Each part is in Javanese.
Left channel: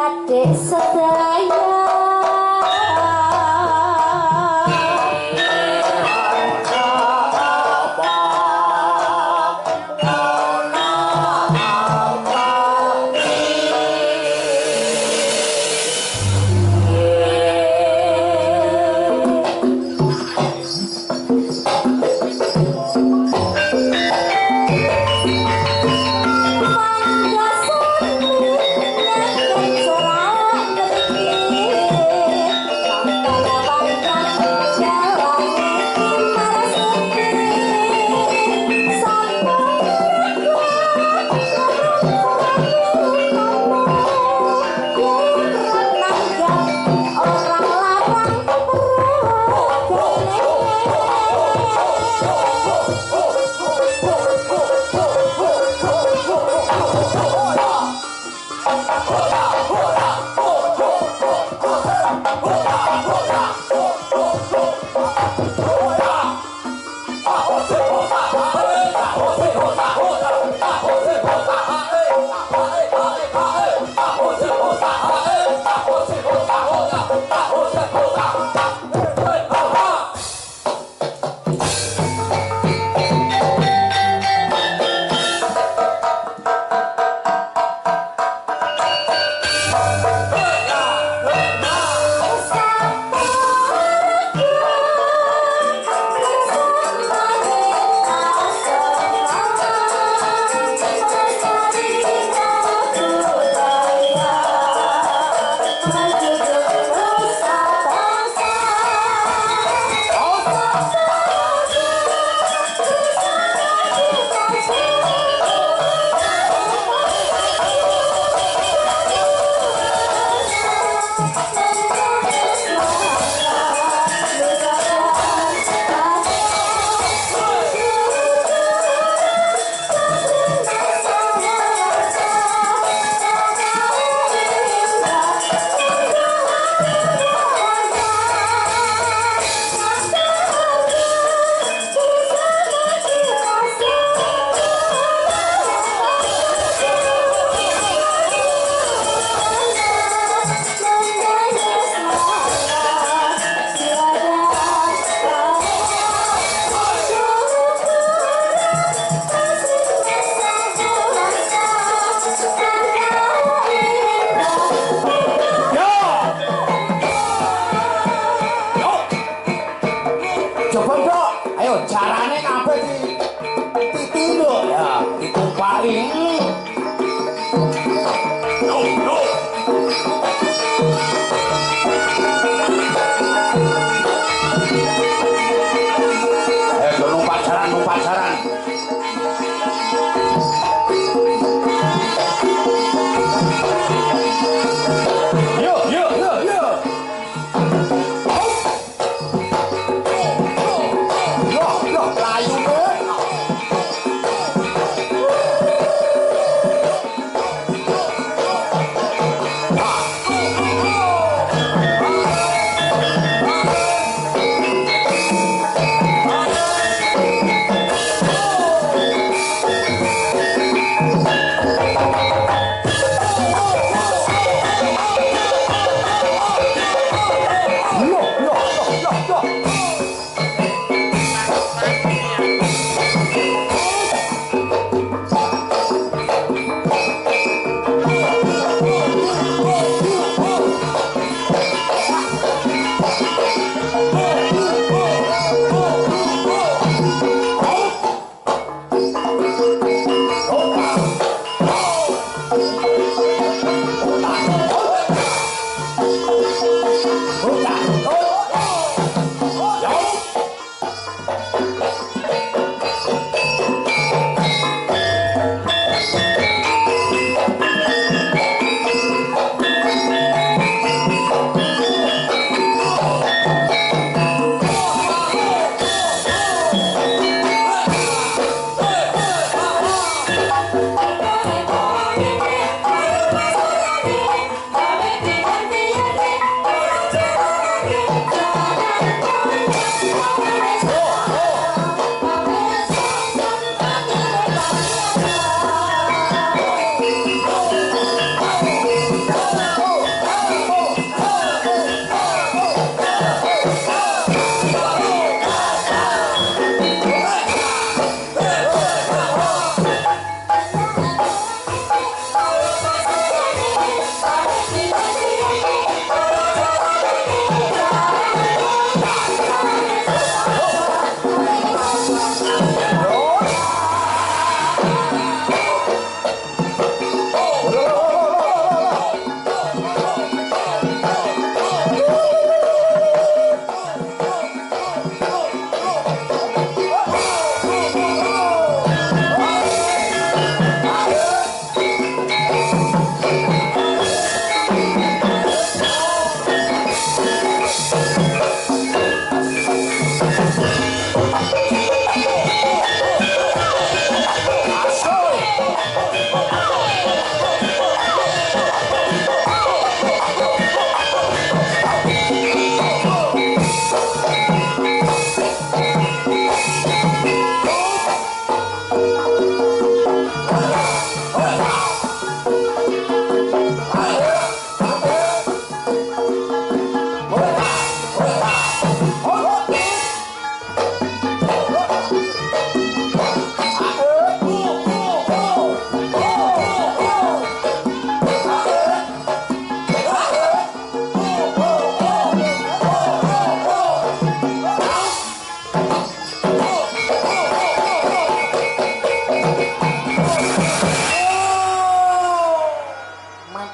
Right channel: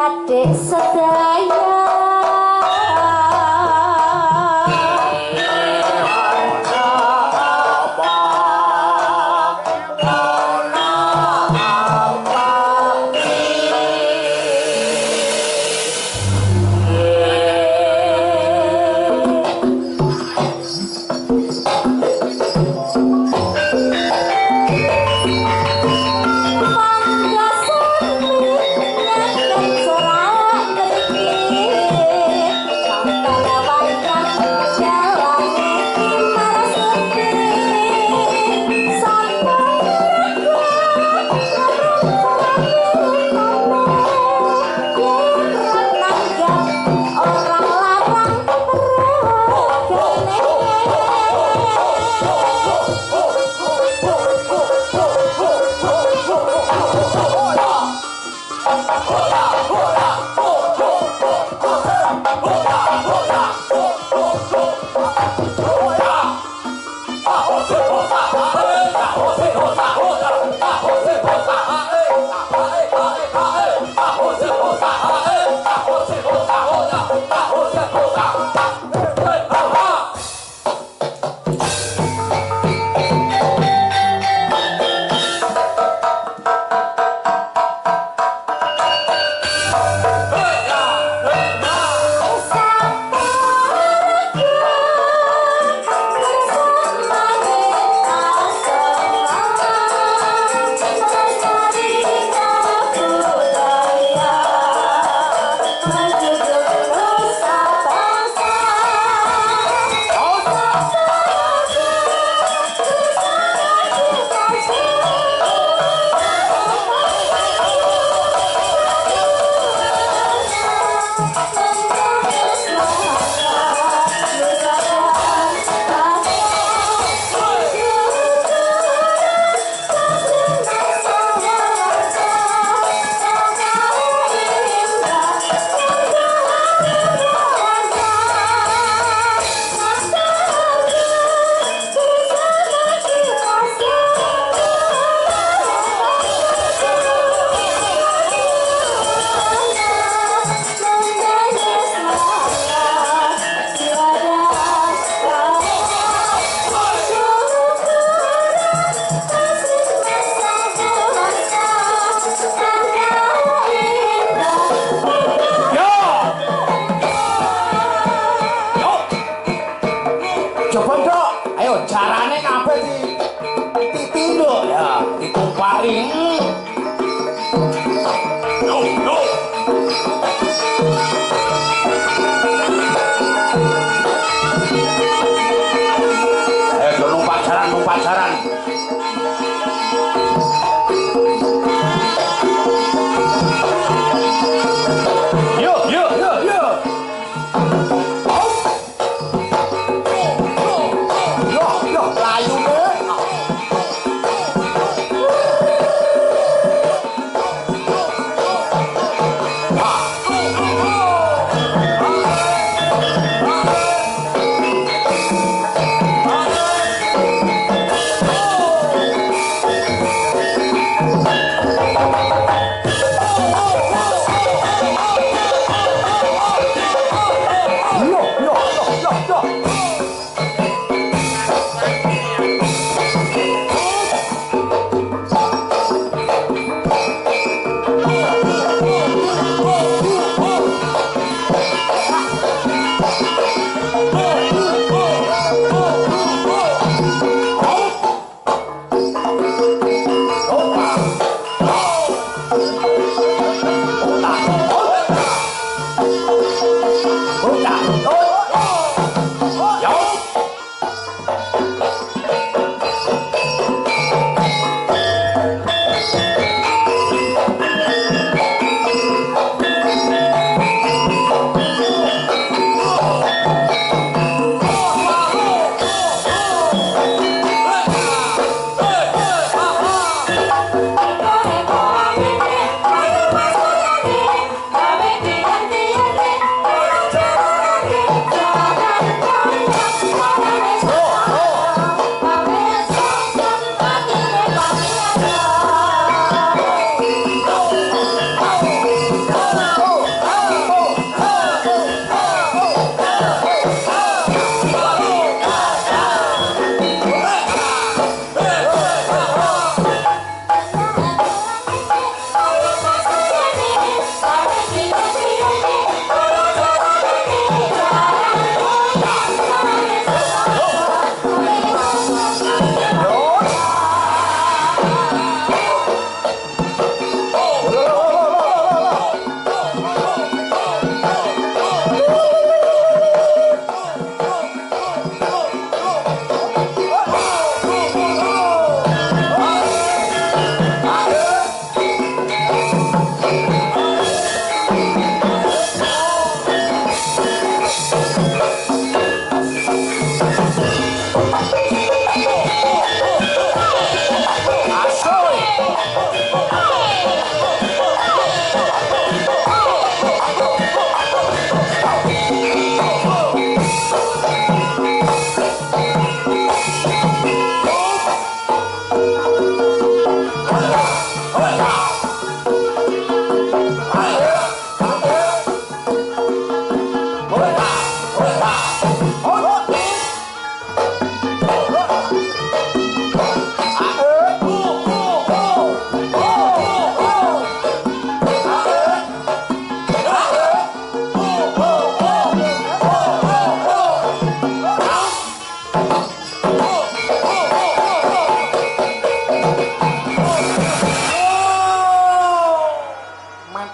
adik sedaya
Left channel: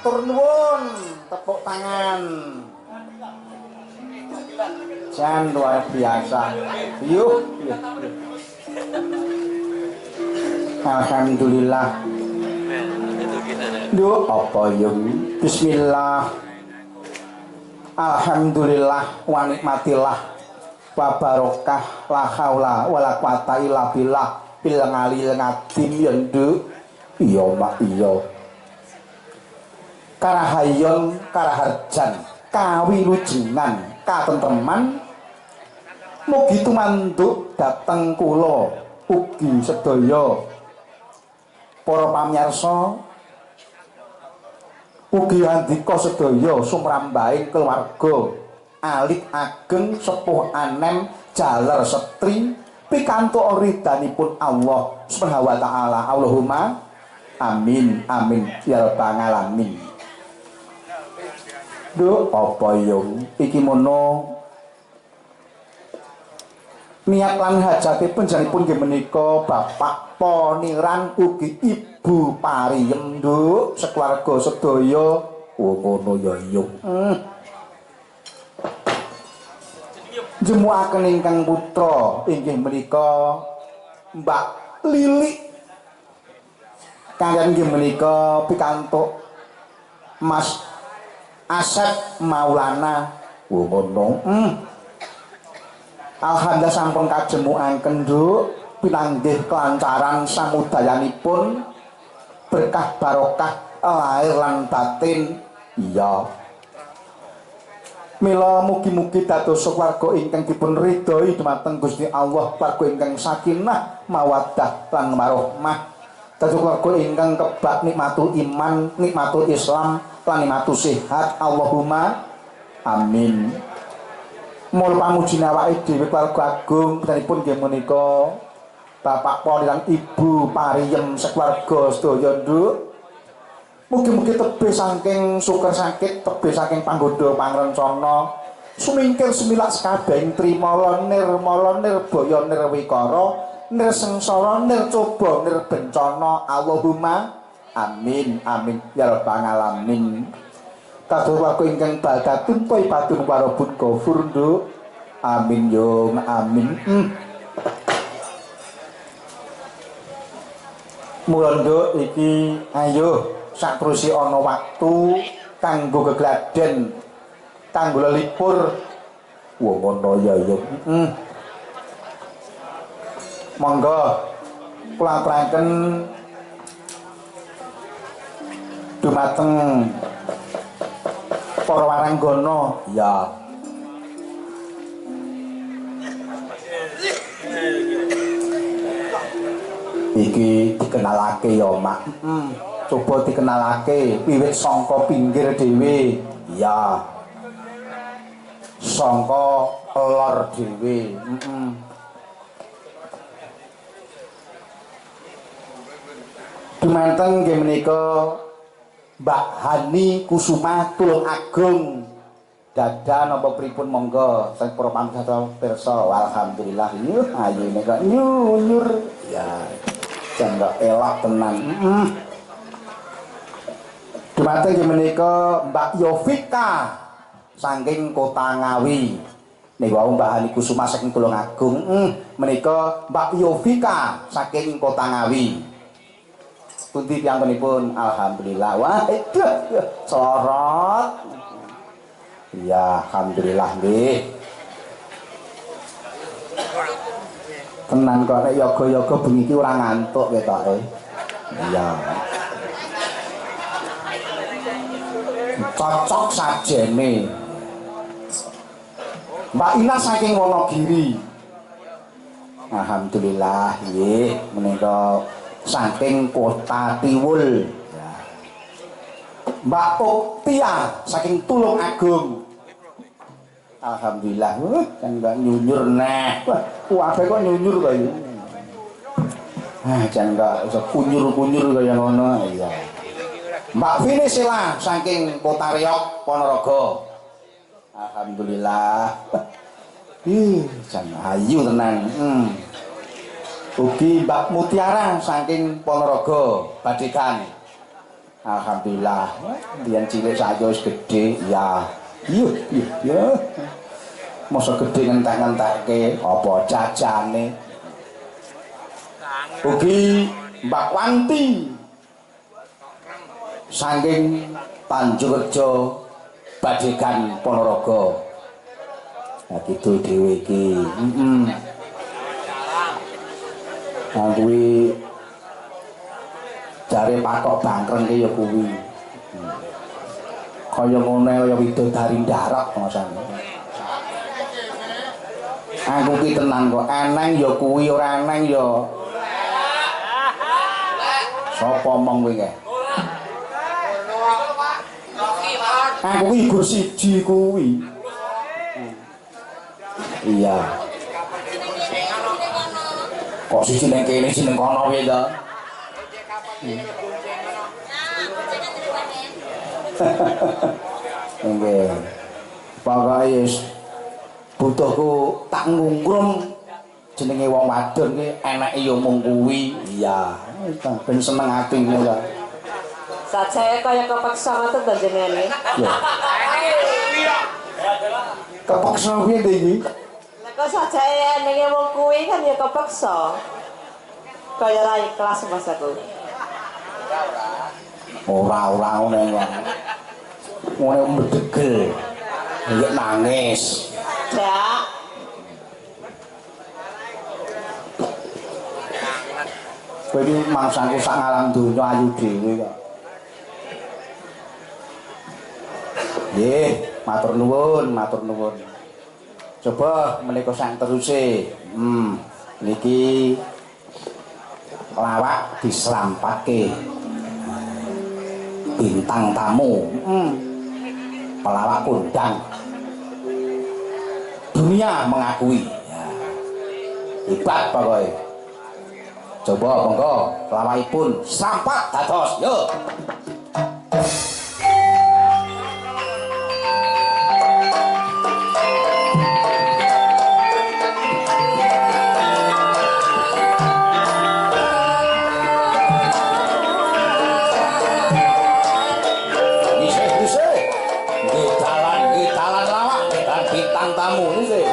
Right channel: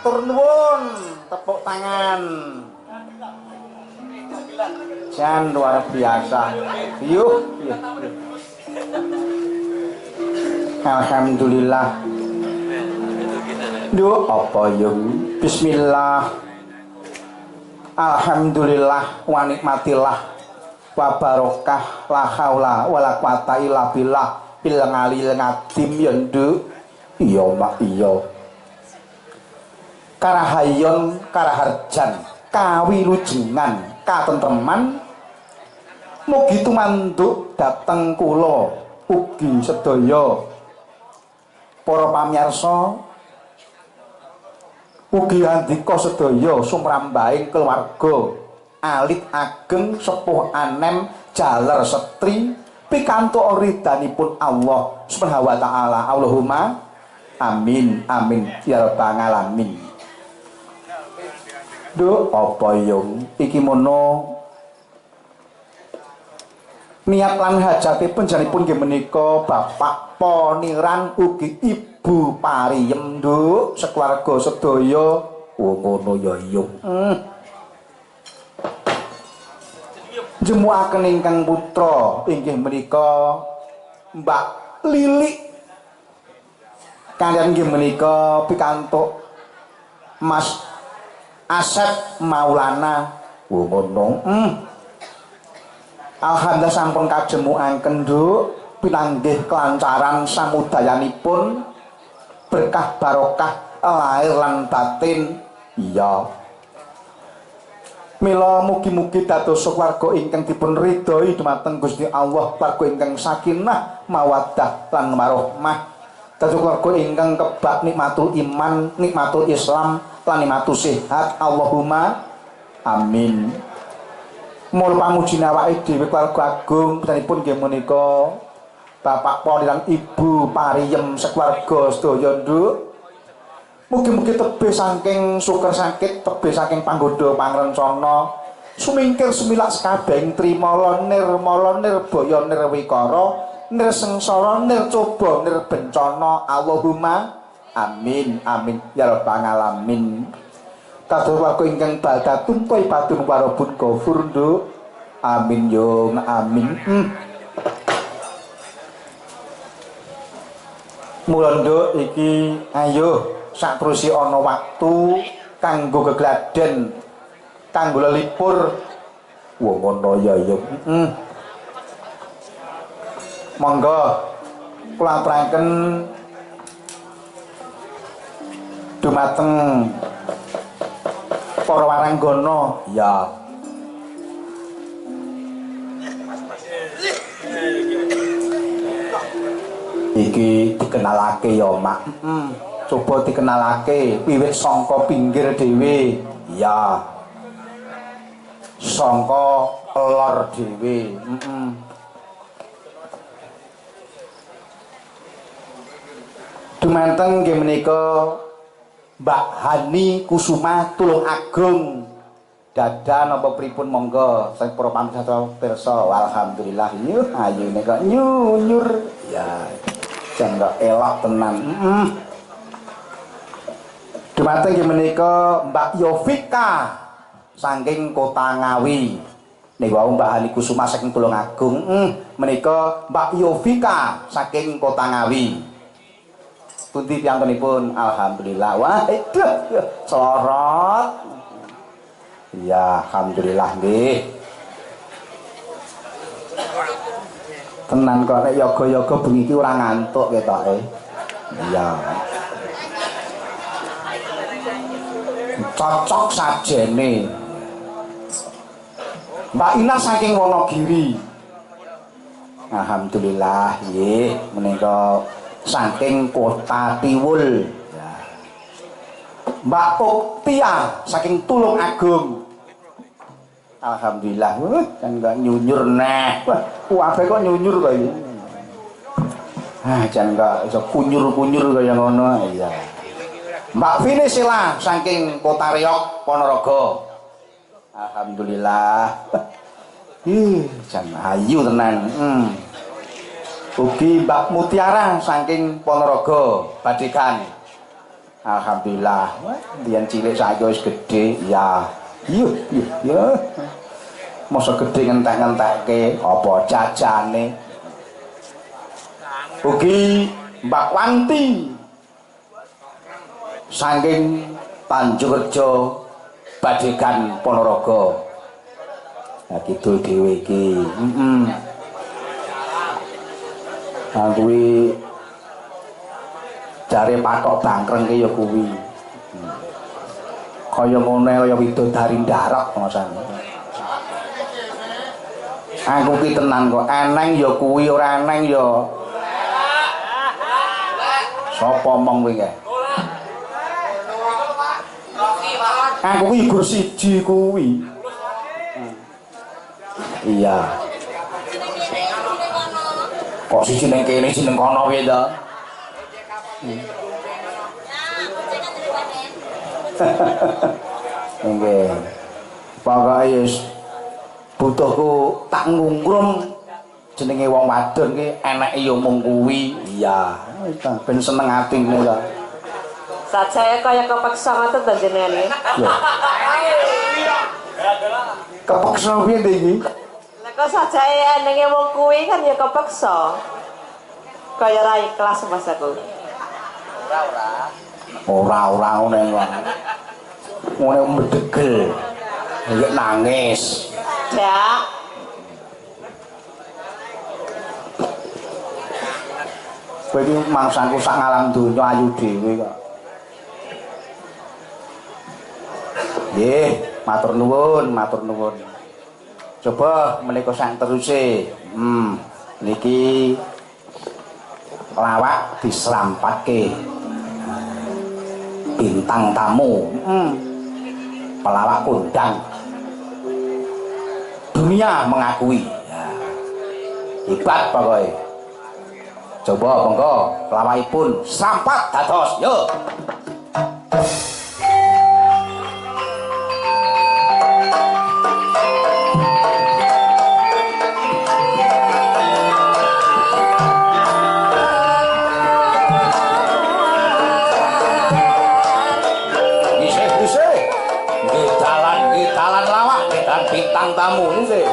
matur nuwun tepuk tangan jan luar biasa yuk alhamdulillah duh apa yuk bismillah alhamdulillah wa nikmatillah wa barokah la haula wala quwata illa billah bil ngalil ngadim yendu iya mak iya karahayon karaharjan kawilujengan katentreman mugi tumanduk dhateng kula ugi sedaya para pamirsa ugi andika sedaya sumrambahing keluarga alit ageng sepuh anem jaler setri pikantuk ridhanipun Allah Subhanahu wa taala Allahumma amin amin ya rabbal alamin. Duh apa yung iki mono niat lan hajatipun janipun nggih menika Bapak Poniran ugi Ibu Pariem nduk sekeluarga sedaya ngono ya yung jemuaken ingkang putra inggih menika Mbak Lili kaliyan nggih menika pikantuk Mas Asep Maulana ngono alhamdulillah sampun kajemuaken nduk pinanggih kelancaran samudayanipun berkah barokah lahir lan batin iya mila mugi-mugi dados keluarga ingkang dipun ridhoi dumateng Gusti Allah keluarga ingkang sakinah mawaddah lan warahmah dados keluarga ingkang kebak nikmatul iman nikmatul Islam lan nikmatul sehat Allahumma amin. Mul pamuji awake dhewe keluarga agung punika nggih menika Bapak Poniran Ibu Pariem sekeluarga sedaya nduk mugi-mugi tebih saking syukur sakit tebih saking panggoda pangrencana sumingkir sumilak sekabehing trimala nirmala nirbaya nirwikara nirsengsara nircoba nirbencana Allahumma amin amin ya rabbal alamin. Kados warga ingkang baldatun thayyibatun warabun ghafur nduk amin yo amin. Mula nduk iki ayo sakterusé ana waktu kanggo gegladen kanggo lelipur wong ngono ya yo monggo kula aturaken dumateng para waranggana ya iki dikenalake ya mak coba dikenalake wiwit sangka pinggir dhewe ya sangka lor dhewe dumateng nggih menika Mbak Hani Kusuma Tulung Agung dadan apa pripun monggo sing para pamirsa pirsa alhamdulillah nyuh ayune kok nyunyur ya jan kok elok tenan dumateng nggih menika Mbak Yovika saking Kota Ngawi niku wau Mbak Hani Kusuma saking Tulung Agung menika Mbak Yovika saking Kota Ngawi. Pundi piyambenipun alhamdulillah wah itu sorot ya alhamdulillah nggih tenan kok nek yoga-yoga bengi iki ora ngantuk ketoke iya cocok sajene Mbak Ina saking Wonogiri alhamdulillah nggih menika saking Kota Tiwul ya. Mbak Oktia saking Tulung Agung alhamdulillah kan enggak nyunyur nah wae kok nyunyur kaya jan enggak iso kunyur-kunyur kaya ngono iya Mbak Vinesela saking Kota Riok Ponorogo alhamdulillah jan ayu tenan ugi Mbak Mutiara saking Ponorogo Badekan Alhamdulillah. Biyen cilik saiki wis gedhe. Ya. Iya. Masa gedhe ngentek-ngentekke apa jajane. Ugi Mbak Wanti saking Tanjungrejo Badegan Ponorogo. Nah kidul dhewe iki. Nah kuwi jare pakok bangkreng ki ya kuwi. Kaya ngene kaya widodari ndarok ngono. Aku ki tenan kok eneng ya kuwi ora eneng ya. Sapa omong kuwi kae? Aku ki ibu siji kuwi. Iya. Kok siji ning kene siji ning kono piye to? Nggih. Pokoke wis butuhku tak ngungkrum jenenge wong wadon ki eneke ya mung kuwi. Iya, ben seneng atine to. Sajae kaya kepeksa ngoten to jenenge. Lho. Kepeksa piye to iki? Lah kok sajae enenge wong kuwi kan ya kepeksa. Kaya ra ikhlas Mas aku. Ora ngene kok. Ngene medegel. Nek nangis. Ya. Kowe iki mangsaku sak ngalam donya ayu dhewe kok. Nggih, matur nuwun. Coba menika sak teruse. Niki lawak diselampatke. Bintang tamu. Pelawak kondang. Dunia mengakui. Ya. Hebat pokoknya. Coba monggo pelawakipun sampat dados. Yo. Bintang tamu ini sih.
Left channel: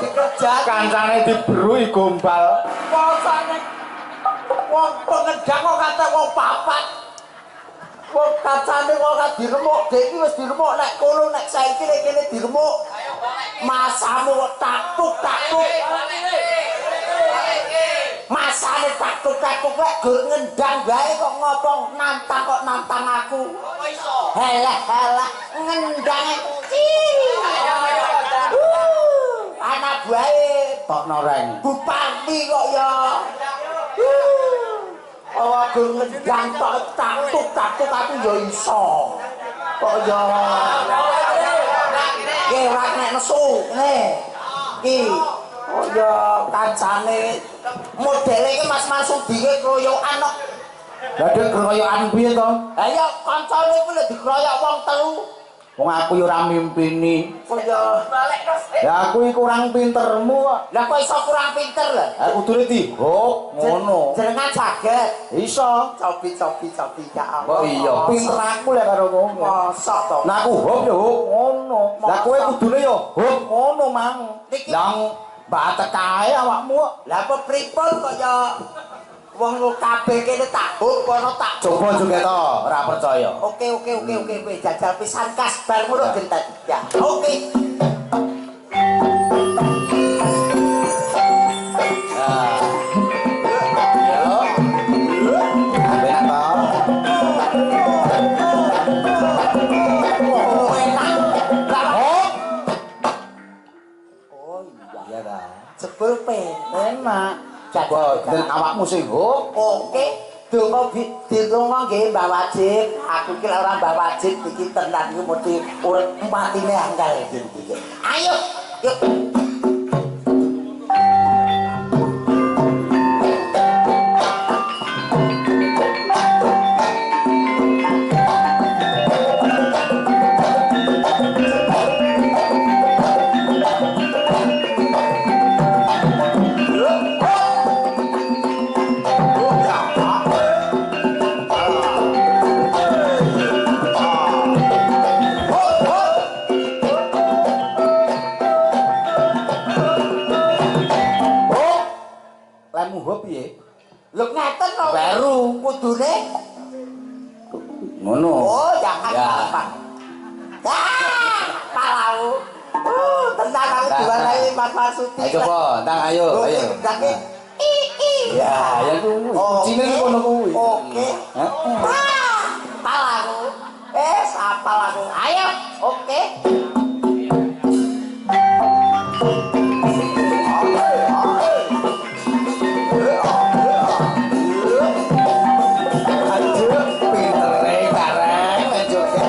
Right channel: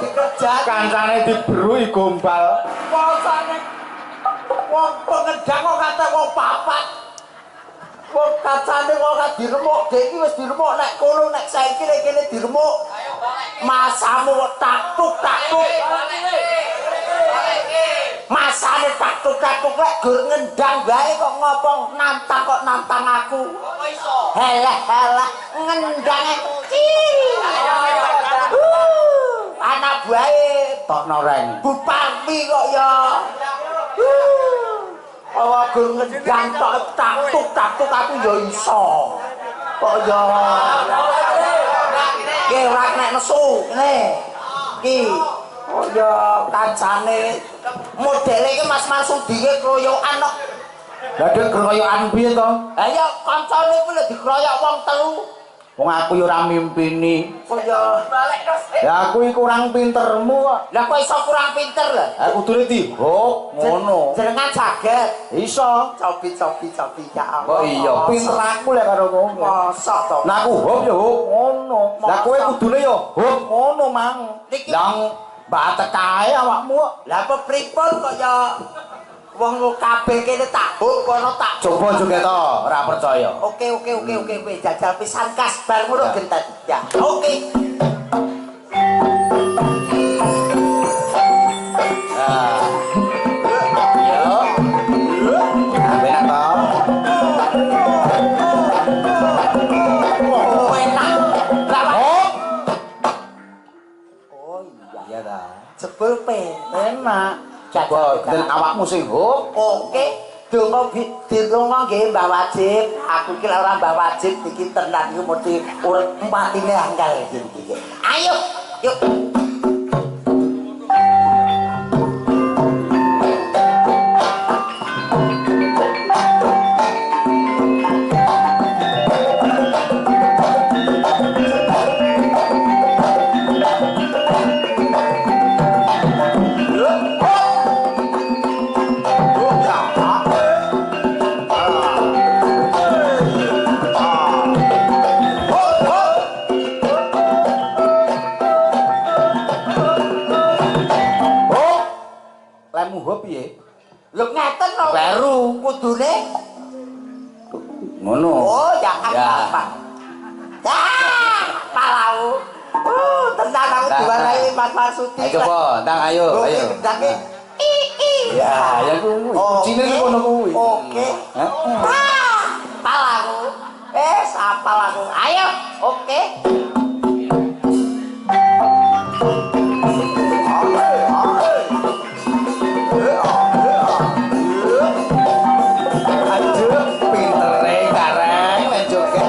dikerjani. Kancane diberui gombal. Posane wong pengedang kok kate wong papat. Wong kancane kok diremuk, dek iki wis diremuk nek kono nek saiki nek kene diremuk. Masamu kok taktuk. Masane taktuk lek gur ngendang bae kok ngopong nantang aku. Halah ngendang kecil. Anak bae Tok noreng. Bupati kok ya. Awa gur ngendang tok taktuk aku ya iso. Kok ya. Ki ora nek nesu ngene. Ki oh ya kancane modele iki Mas Marsudi ki kroyokan kok. Lah dek keroyokan piye to? Ha ya kancane kuwi lho dikroyok wong telu. Wong aku yo ora mimpini. Oh ya Ya aku iki kurang pintermu kok. lah kok iso kurang pinter lho. Ha kudune dihok ngono. Jenengan saged. Iso. Cobi ya Allah. Kok iya pinter aku lek karo kowe. Mosok to. Nah aku hop yo hop ngono. Lah kowe kudune yo hop ngono mang. Niki- Lah batek kae awakmu kok. Lah apa pripun kok ya wong kabeh kene tak huk kono tak Coba juga to, ora percaya. Oke jajal pisan kas bar ngono gentet. Ya. Oke. Nah. Yo. Ambil to. Oh, enak. Lah Hop. oh iya. Iya ta. Jebul Enak. Coba den awakmu sing hop. Oke. Donga dirungo nggih Mbah Wajib. Aku iki lek ora Mbah Wajib iki tenan iki mesti urip empatine angel iki. Ayo, yuk. Lemu hop piye? Lho ngeten lho. Baru. Kudune. Ngono. Oh, jangan Ya. apa. Palau. Tenan aku Nah, diwarai Mas Marsudi. Ayo coba, ndang ayo. Gendake. Ya, ya kuwi. Kucine iki kono kuwi. Oke. Hah? Palau. Apal aku. Ayo. Oke. Aduh, pintere kareng nek joget.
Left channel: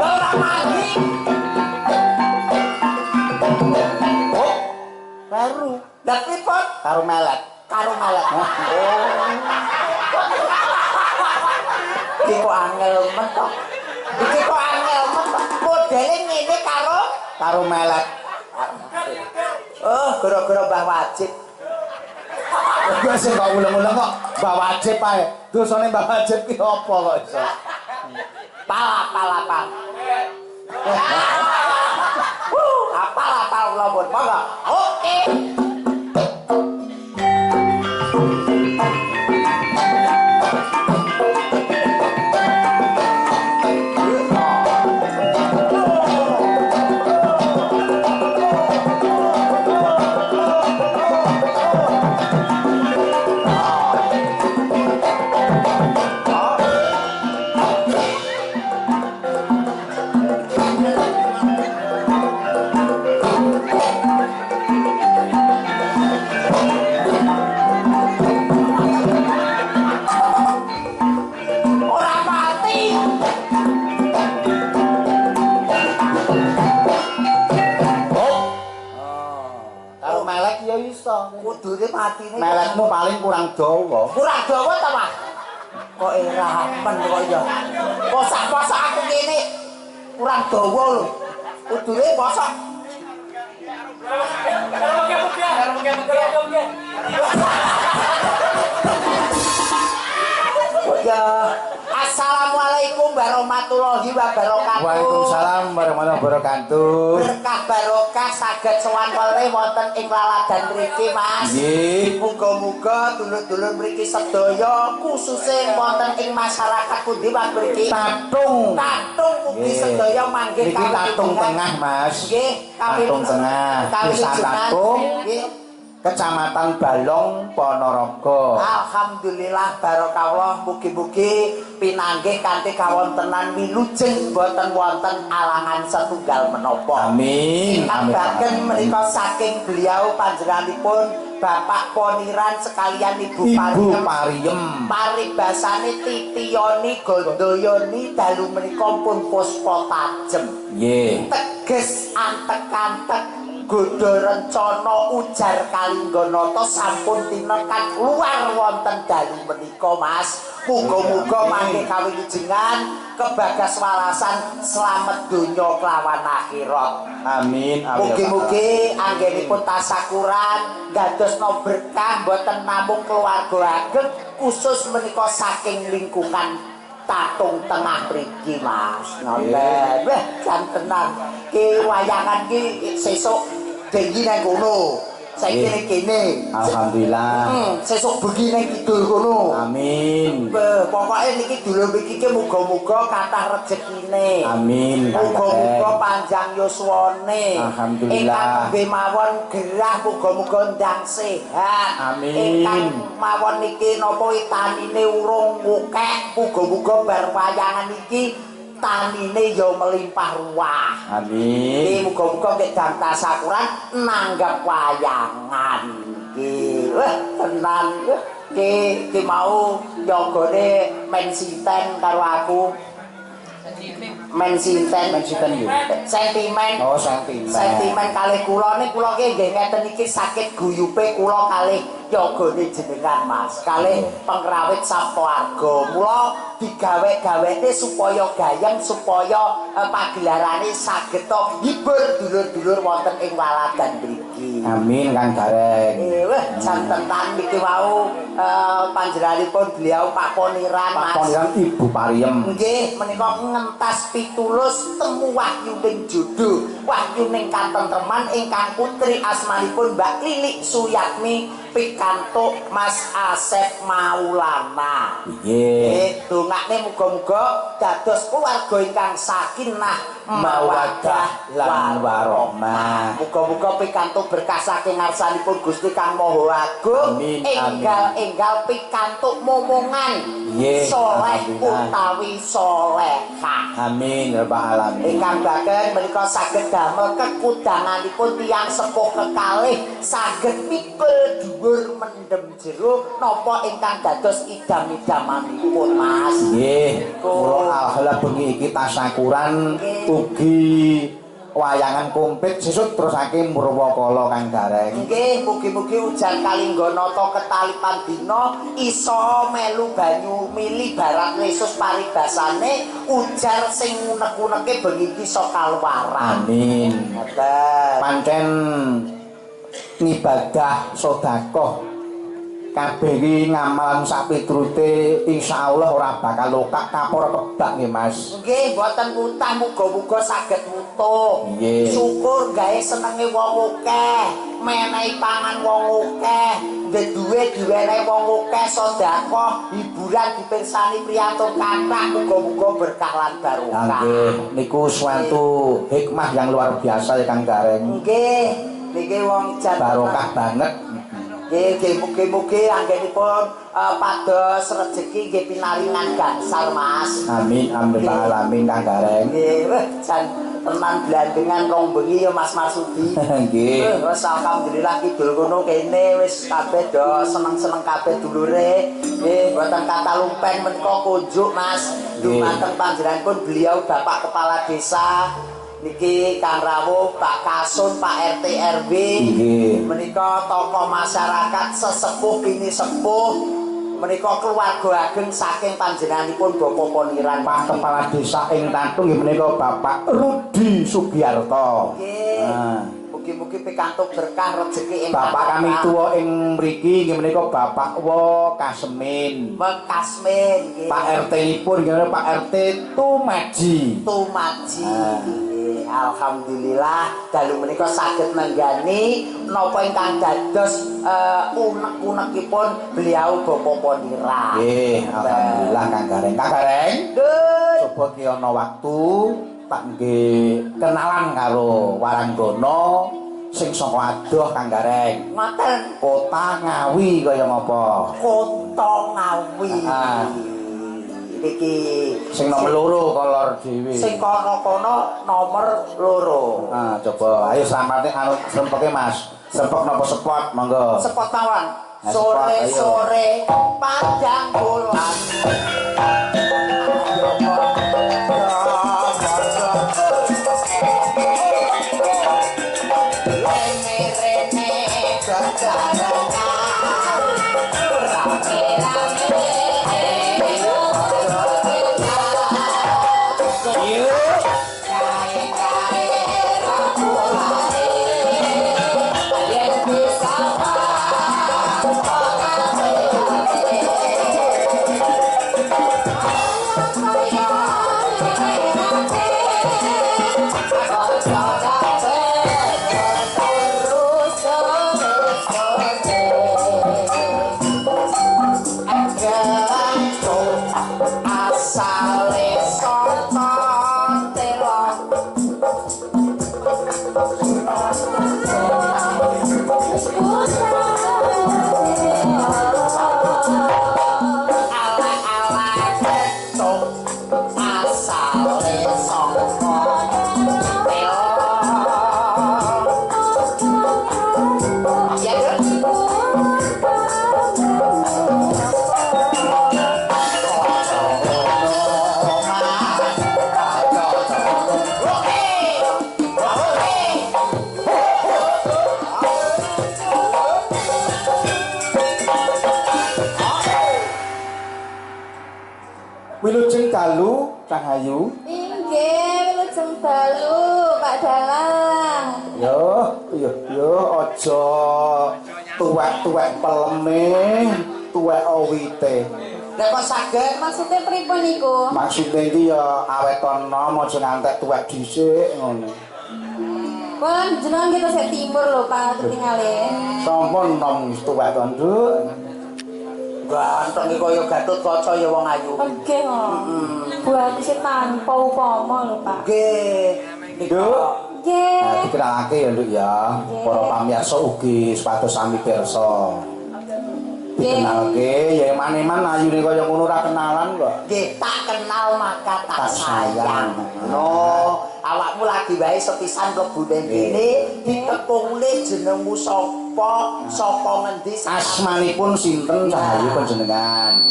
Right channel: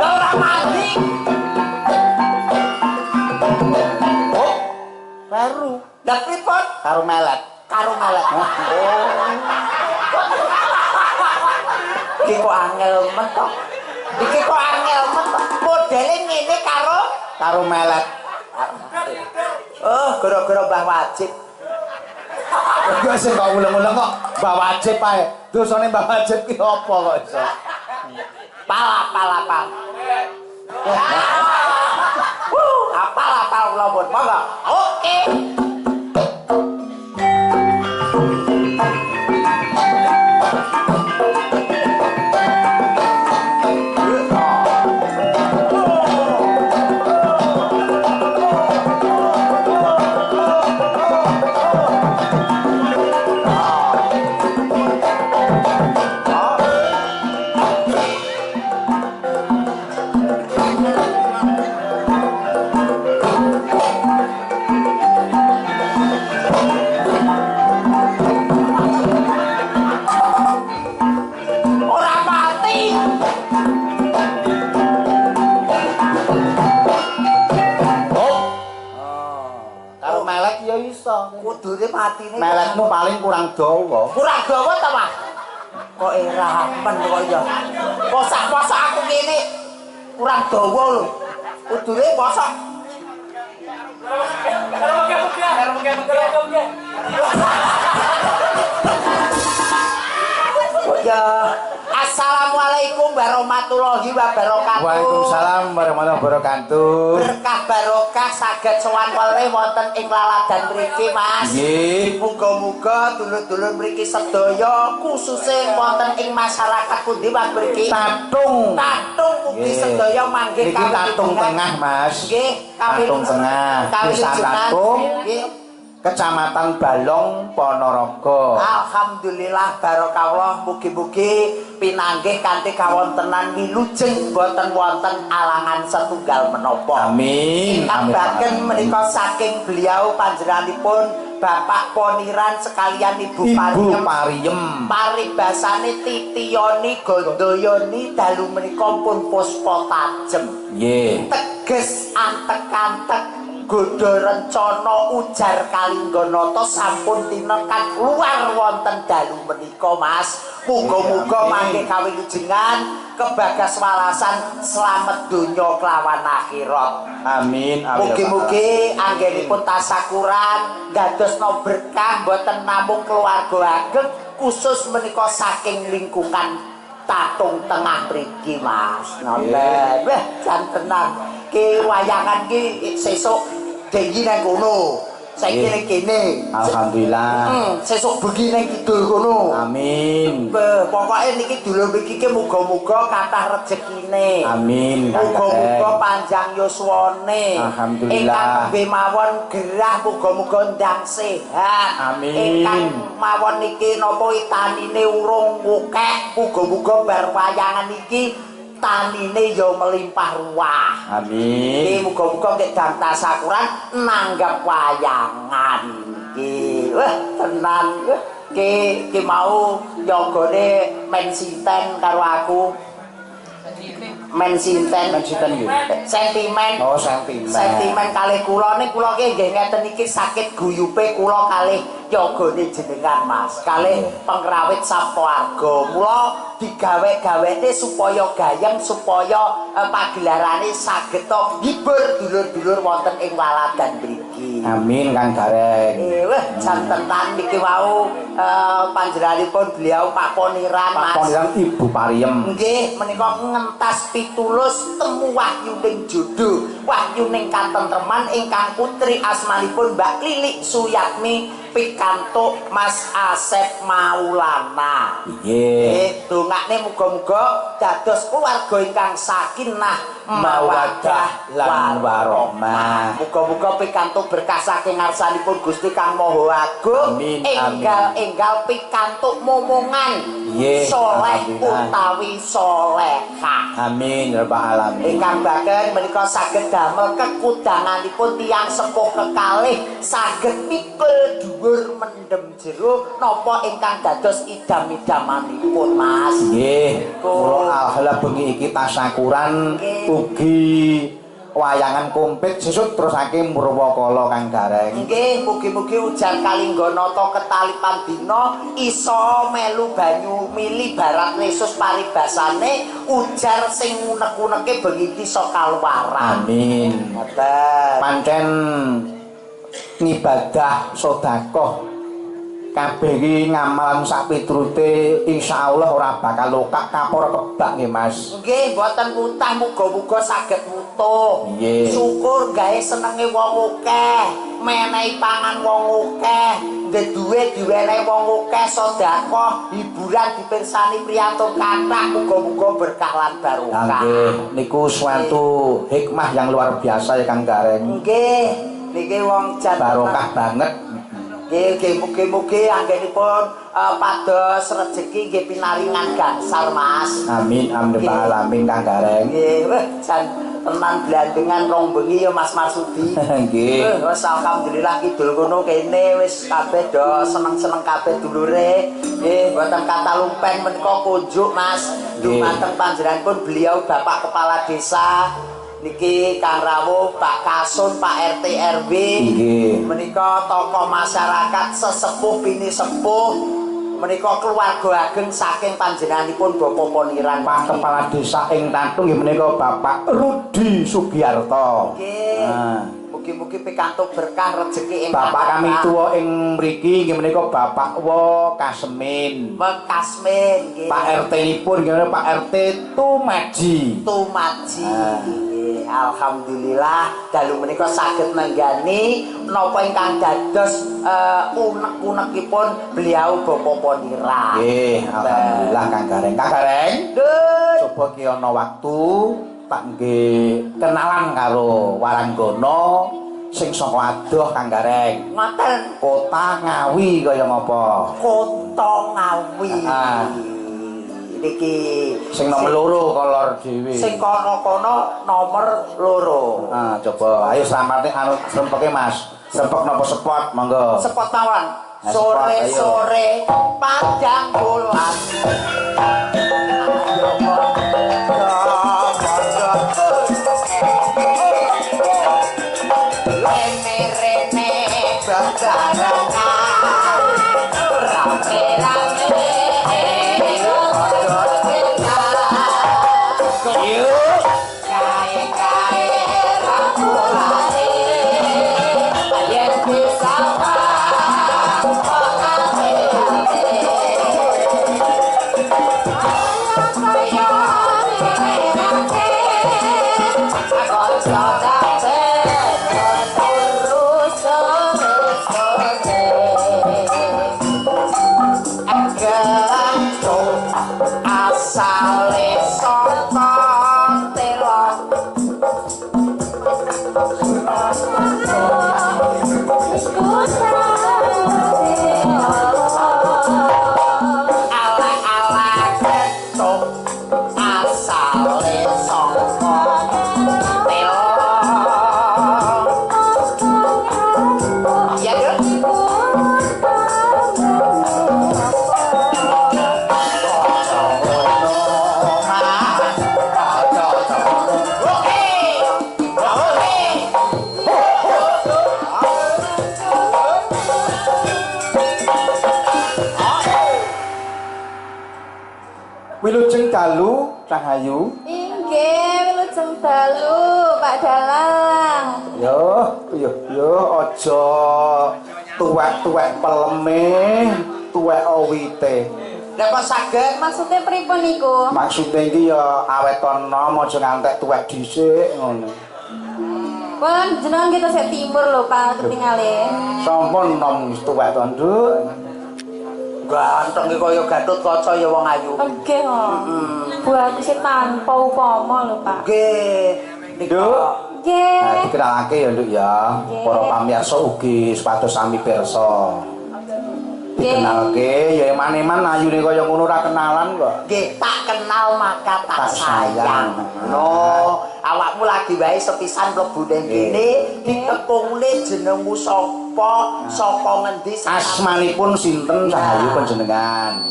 Ora mati. Oh, baru Lah pripun? karo melet. Karo malet. Oh. Iki kok angel mentok. Modele ngene Karo melet. Oh, gara-gara Mbah Wajib. Yo sing kok ulang-ulang kok Mbah Wajib ae. Dosane Mbah Wajib ki apa kok iso? Pala. Apal lobot monggo. Oke. matine. Meletmu paling kurang dawa. Kurang dawa ta, Mas? Kok ramen kok ya. Posak-posak aku kene kurang dawa lho. Kudune posak. Ya, assalamualaikum warahmatullahi wabarakatuh. Waalaikumsalam warahmatullahi wabarakatuh. Berkah barokah saged sowan wale wonten ing laladan mriki, Mas. Nggih. Muga-muga dulur-dulur mriki sedaya khususe wonten ing masyarakat pundi wak mriki. Tatung. Tatung mugi sedaya manggih niki Tatung Tengah, Mas. Nggih, Tatung Tengah. Desa Tatung. Nggih. Kecamatan Balong Ponorogo. Alhamdulillah barokah mugi-mugi pinanggih kanthi kawontenan wilujeng boten wonten alangan setunggal menapa. Amin. Ingkang baken menika saking beliau panjenenganipun Bapak Poniran sekalian Ibu Pariem. Paribasane titiyoni gondoyoni dalu menika pun puspa tajem. Nggih. Teges antek-antek Godo rencana ujar Kalingganata sampun tinekan luar wonten dalu menika, Mas. Muga-muga mangke kawilujengan kebagas walasan slamet donya kelawan akhirat. Amin. Mugi-mugi anggenipun tasakuran dadosna berkah boten namung keluarga ageng khusus menika saking lingkungan Tatung Tengah mriki, Mas. Nonton. Wah, jan tenan. Ki wayangan ki sesuk dengki nang kono. Saiki ning kene. Alhamdulillah. Sesuk bengi nang kidul kono. Amin. Pokoke niki dulur mriki ki muga-muga kathah rejekine. Amin. Muga-muga panjang yuswane. Alhamdulillah. Ingkang nembe mawon gerah muga-muga ndang sehat. Amin. Ingkang mawon niki napa tanine urung akeh, muga-muga bar wayangan iki tanine ya melimpah ruah. Amin. Iki muga-muga nek dang tasakuran nanggap wayangan iki. Wah, tenan. Ki mau nyogone men sinten karo aku. Men sinten nggih. Sentimen. Oh, sentimen. Sentimen kalih kula ning kula ki nggih ngeten iki sakit guyupe kula kalih yogane jenengan, Mas. Kalih pengrawit sapoarga. Mula digawe-gawene supaya gayeng supaya pagelarane saged hibur dulur-dulur wonten ing laladan mriki. Amin, Kang Gareng. Wah, jan tenan niki wau panjenenganipun beliau Pak Poniran, Mas. Pak Poniran Ibu Pariem. Nggih, menika ngentas pitulus temu wahyuning jodoh, wahyuning katentreman ingkang putri asmanipun Mbak Lilik Suyatmi pikantuk Mas Asep Maulana. Nggih. Dongakne muga-muga dados keluarga ingkang sakinah mawaddah lan warahmah. Muga-muga pikantuk berkah saking ngarsanipun Gusti Kang Maha Agung. Enggal pikantuk momongan soleh utawi solehah. Amin ya rabbal alamin. Ingkang baken menika saged damel kekudanganipun tiyang sepuh kekalih saged mikul dhuwur mendem jero napa ingkang dados idam-idamanipun, Mas. Nggih. Kula alhamdulillah bengi iki tasakuran ugi wayangan komplit sesuk terusake Murwakala Kang Gareng. Nggih, mugi-mugi ujar Kalingganata ketalipan dina iso melu banyu mili barat Yesus paribasane ujar sing unek-uneke bengi iki iso kaluwaran. Amin. Ngoten. Pancen ngibadah sedekah kabeh iki ngamalan sak piturute insyaallah ora bakal lokak kapur kebak nggih Mas. Nggih, mboten utah muga-muga saged mutuh. Nggih. Syukur gawe senenge wong akeh, menehi pangan wong akeh, duwe diwenehi wong akeh, sedekah, hiburan dipirsani priyatur kathah, muga-muga berkah lan barokah. Nggih, niku suatu hikmah yang luar biasa ya Kang Gareng. Nggih, niki wong jan Barokah banget. Nggih, mugi-mugi anggenipun pados rejeki nggih pinaringan gangsal, Mas. Amin amin alamin Kang Gareng. Nggih, jan tenan blandengan rong bengi ya Mas Marsudi. Nggih. Wis alhamdulillah kidul kono kene wis kabeh do seneng-seneng kabeh dulure. Nggih, mboten kata lumpen menika kunjuk, Mas. Dumateng panjenenganipun beliau Bapak Kepala Desa Niki Kang Rawuh, Pak Kasun, Pak RT RW. Nggih. Menika tokoh masyarakat sesepuh bini sepuh. Menika keluarga ageng saking panjenenganipun Bapak Poniran. Pak Kepala Desa ing Tatung nggih menika Bapak Rudi Sugiarto. Nggih. Nah. Mugi-mugi pikantuk berkah rezeki ing Bapak kami tuwa ing mriki nggih menika Bapak Wo Kasmin. Kasmin nggih. Pak RT-nipun nggih Pak RT Tumaji. Tumaji. Ah. Nggih, alhamdulillah dalu menika saged nenggani napa ingkang dados unek-unekipun beliau Bapak Poniran. Nggih, alhamdulillah Kang Gareng. Kang Gareng, Nggih. coba ki ana waktu tak nggih kenalan karo Waranggana sing saka adoh Kang Gareng. Ngoten. Kota Ngawi kaya ngapa? Kota Ngawi. Ah. Niki Sing nomor loro kolor dhewe. sing kono-kono nomor loro. Ah, coba ayo selamatnya anu sempeke Mas. Sempek napa sepot monggo. Sepot mawon. Nah, sepot, ayo. Sore-sore panjang bulan. Rene-rene bebarengan, rame-rame. Yuk. Kae-kae rambulane, yen bisa asale saka telok ala-ala ketuk asale saka telok ya Wilujeng dalu Cahayu. Inggih, wilujeng dalu, Pak Dalang. Yo aja tuwek-tuwek peleme, tuwek awite. Lah kok saged Maksudnya pripun niku? Maksude iki ya awet ana aja ngantek tuwek dhisik ngono. Kula jenengan kita sik timur lho, Pak, ketingale. Sampun nom tuwek to, Nduk. ganteng iki kaya Gatut Kaca ya wong ayu. Nggih, Bu aku sih tanpa upama lho, Pak. Nggih. Nduk. Nggih. Nah, dikenalake ya, Nduk ya. Para pamirsa ugi supados sami pirsa. Dikenalke ya eman-eman ayune kaya ngono ora kenalan kok. Nggih, tak kenal maka tak Tak sayang. sayang. No, awakmu lagi wae sepisan mlebu ning kene ditepungne jenengmu sapa, saka ngendi Asmanipun sinten Cahayu panjenengan?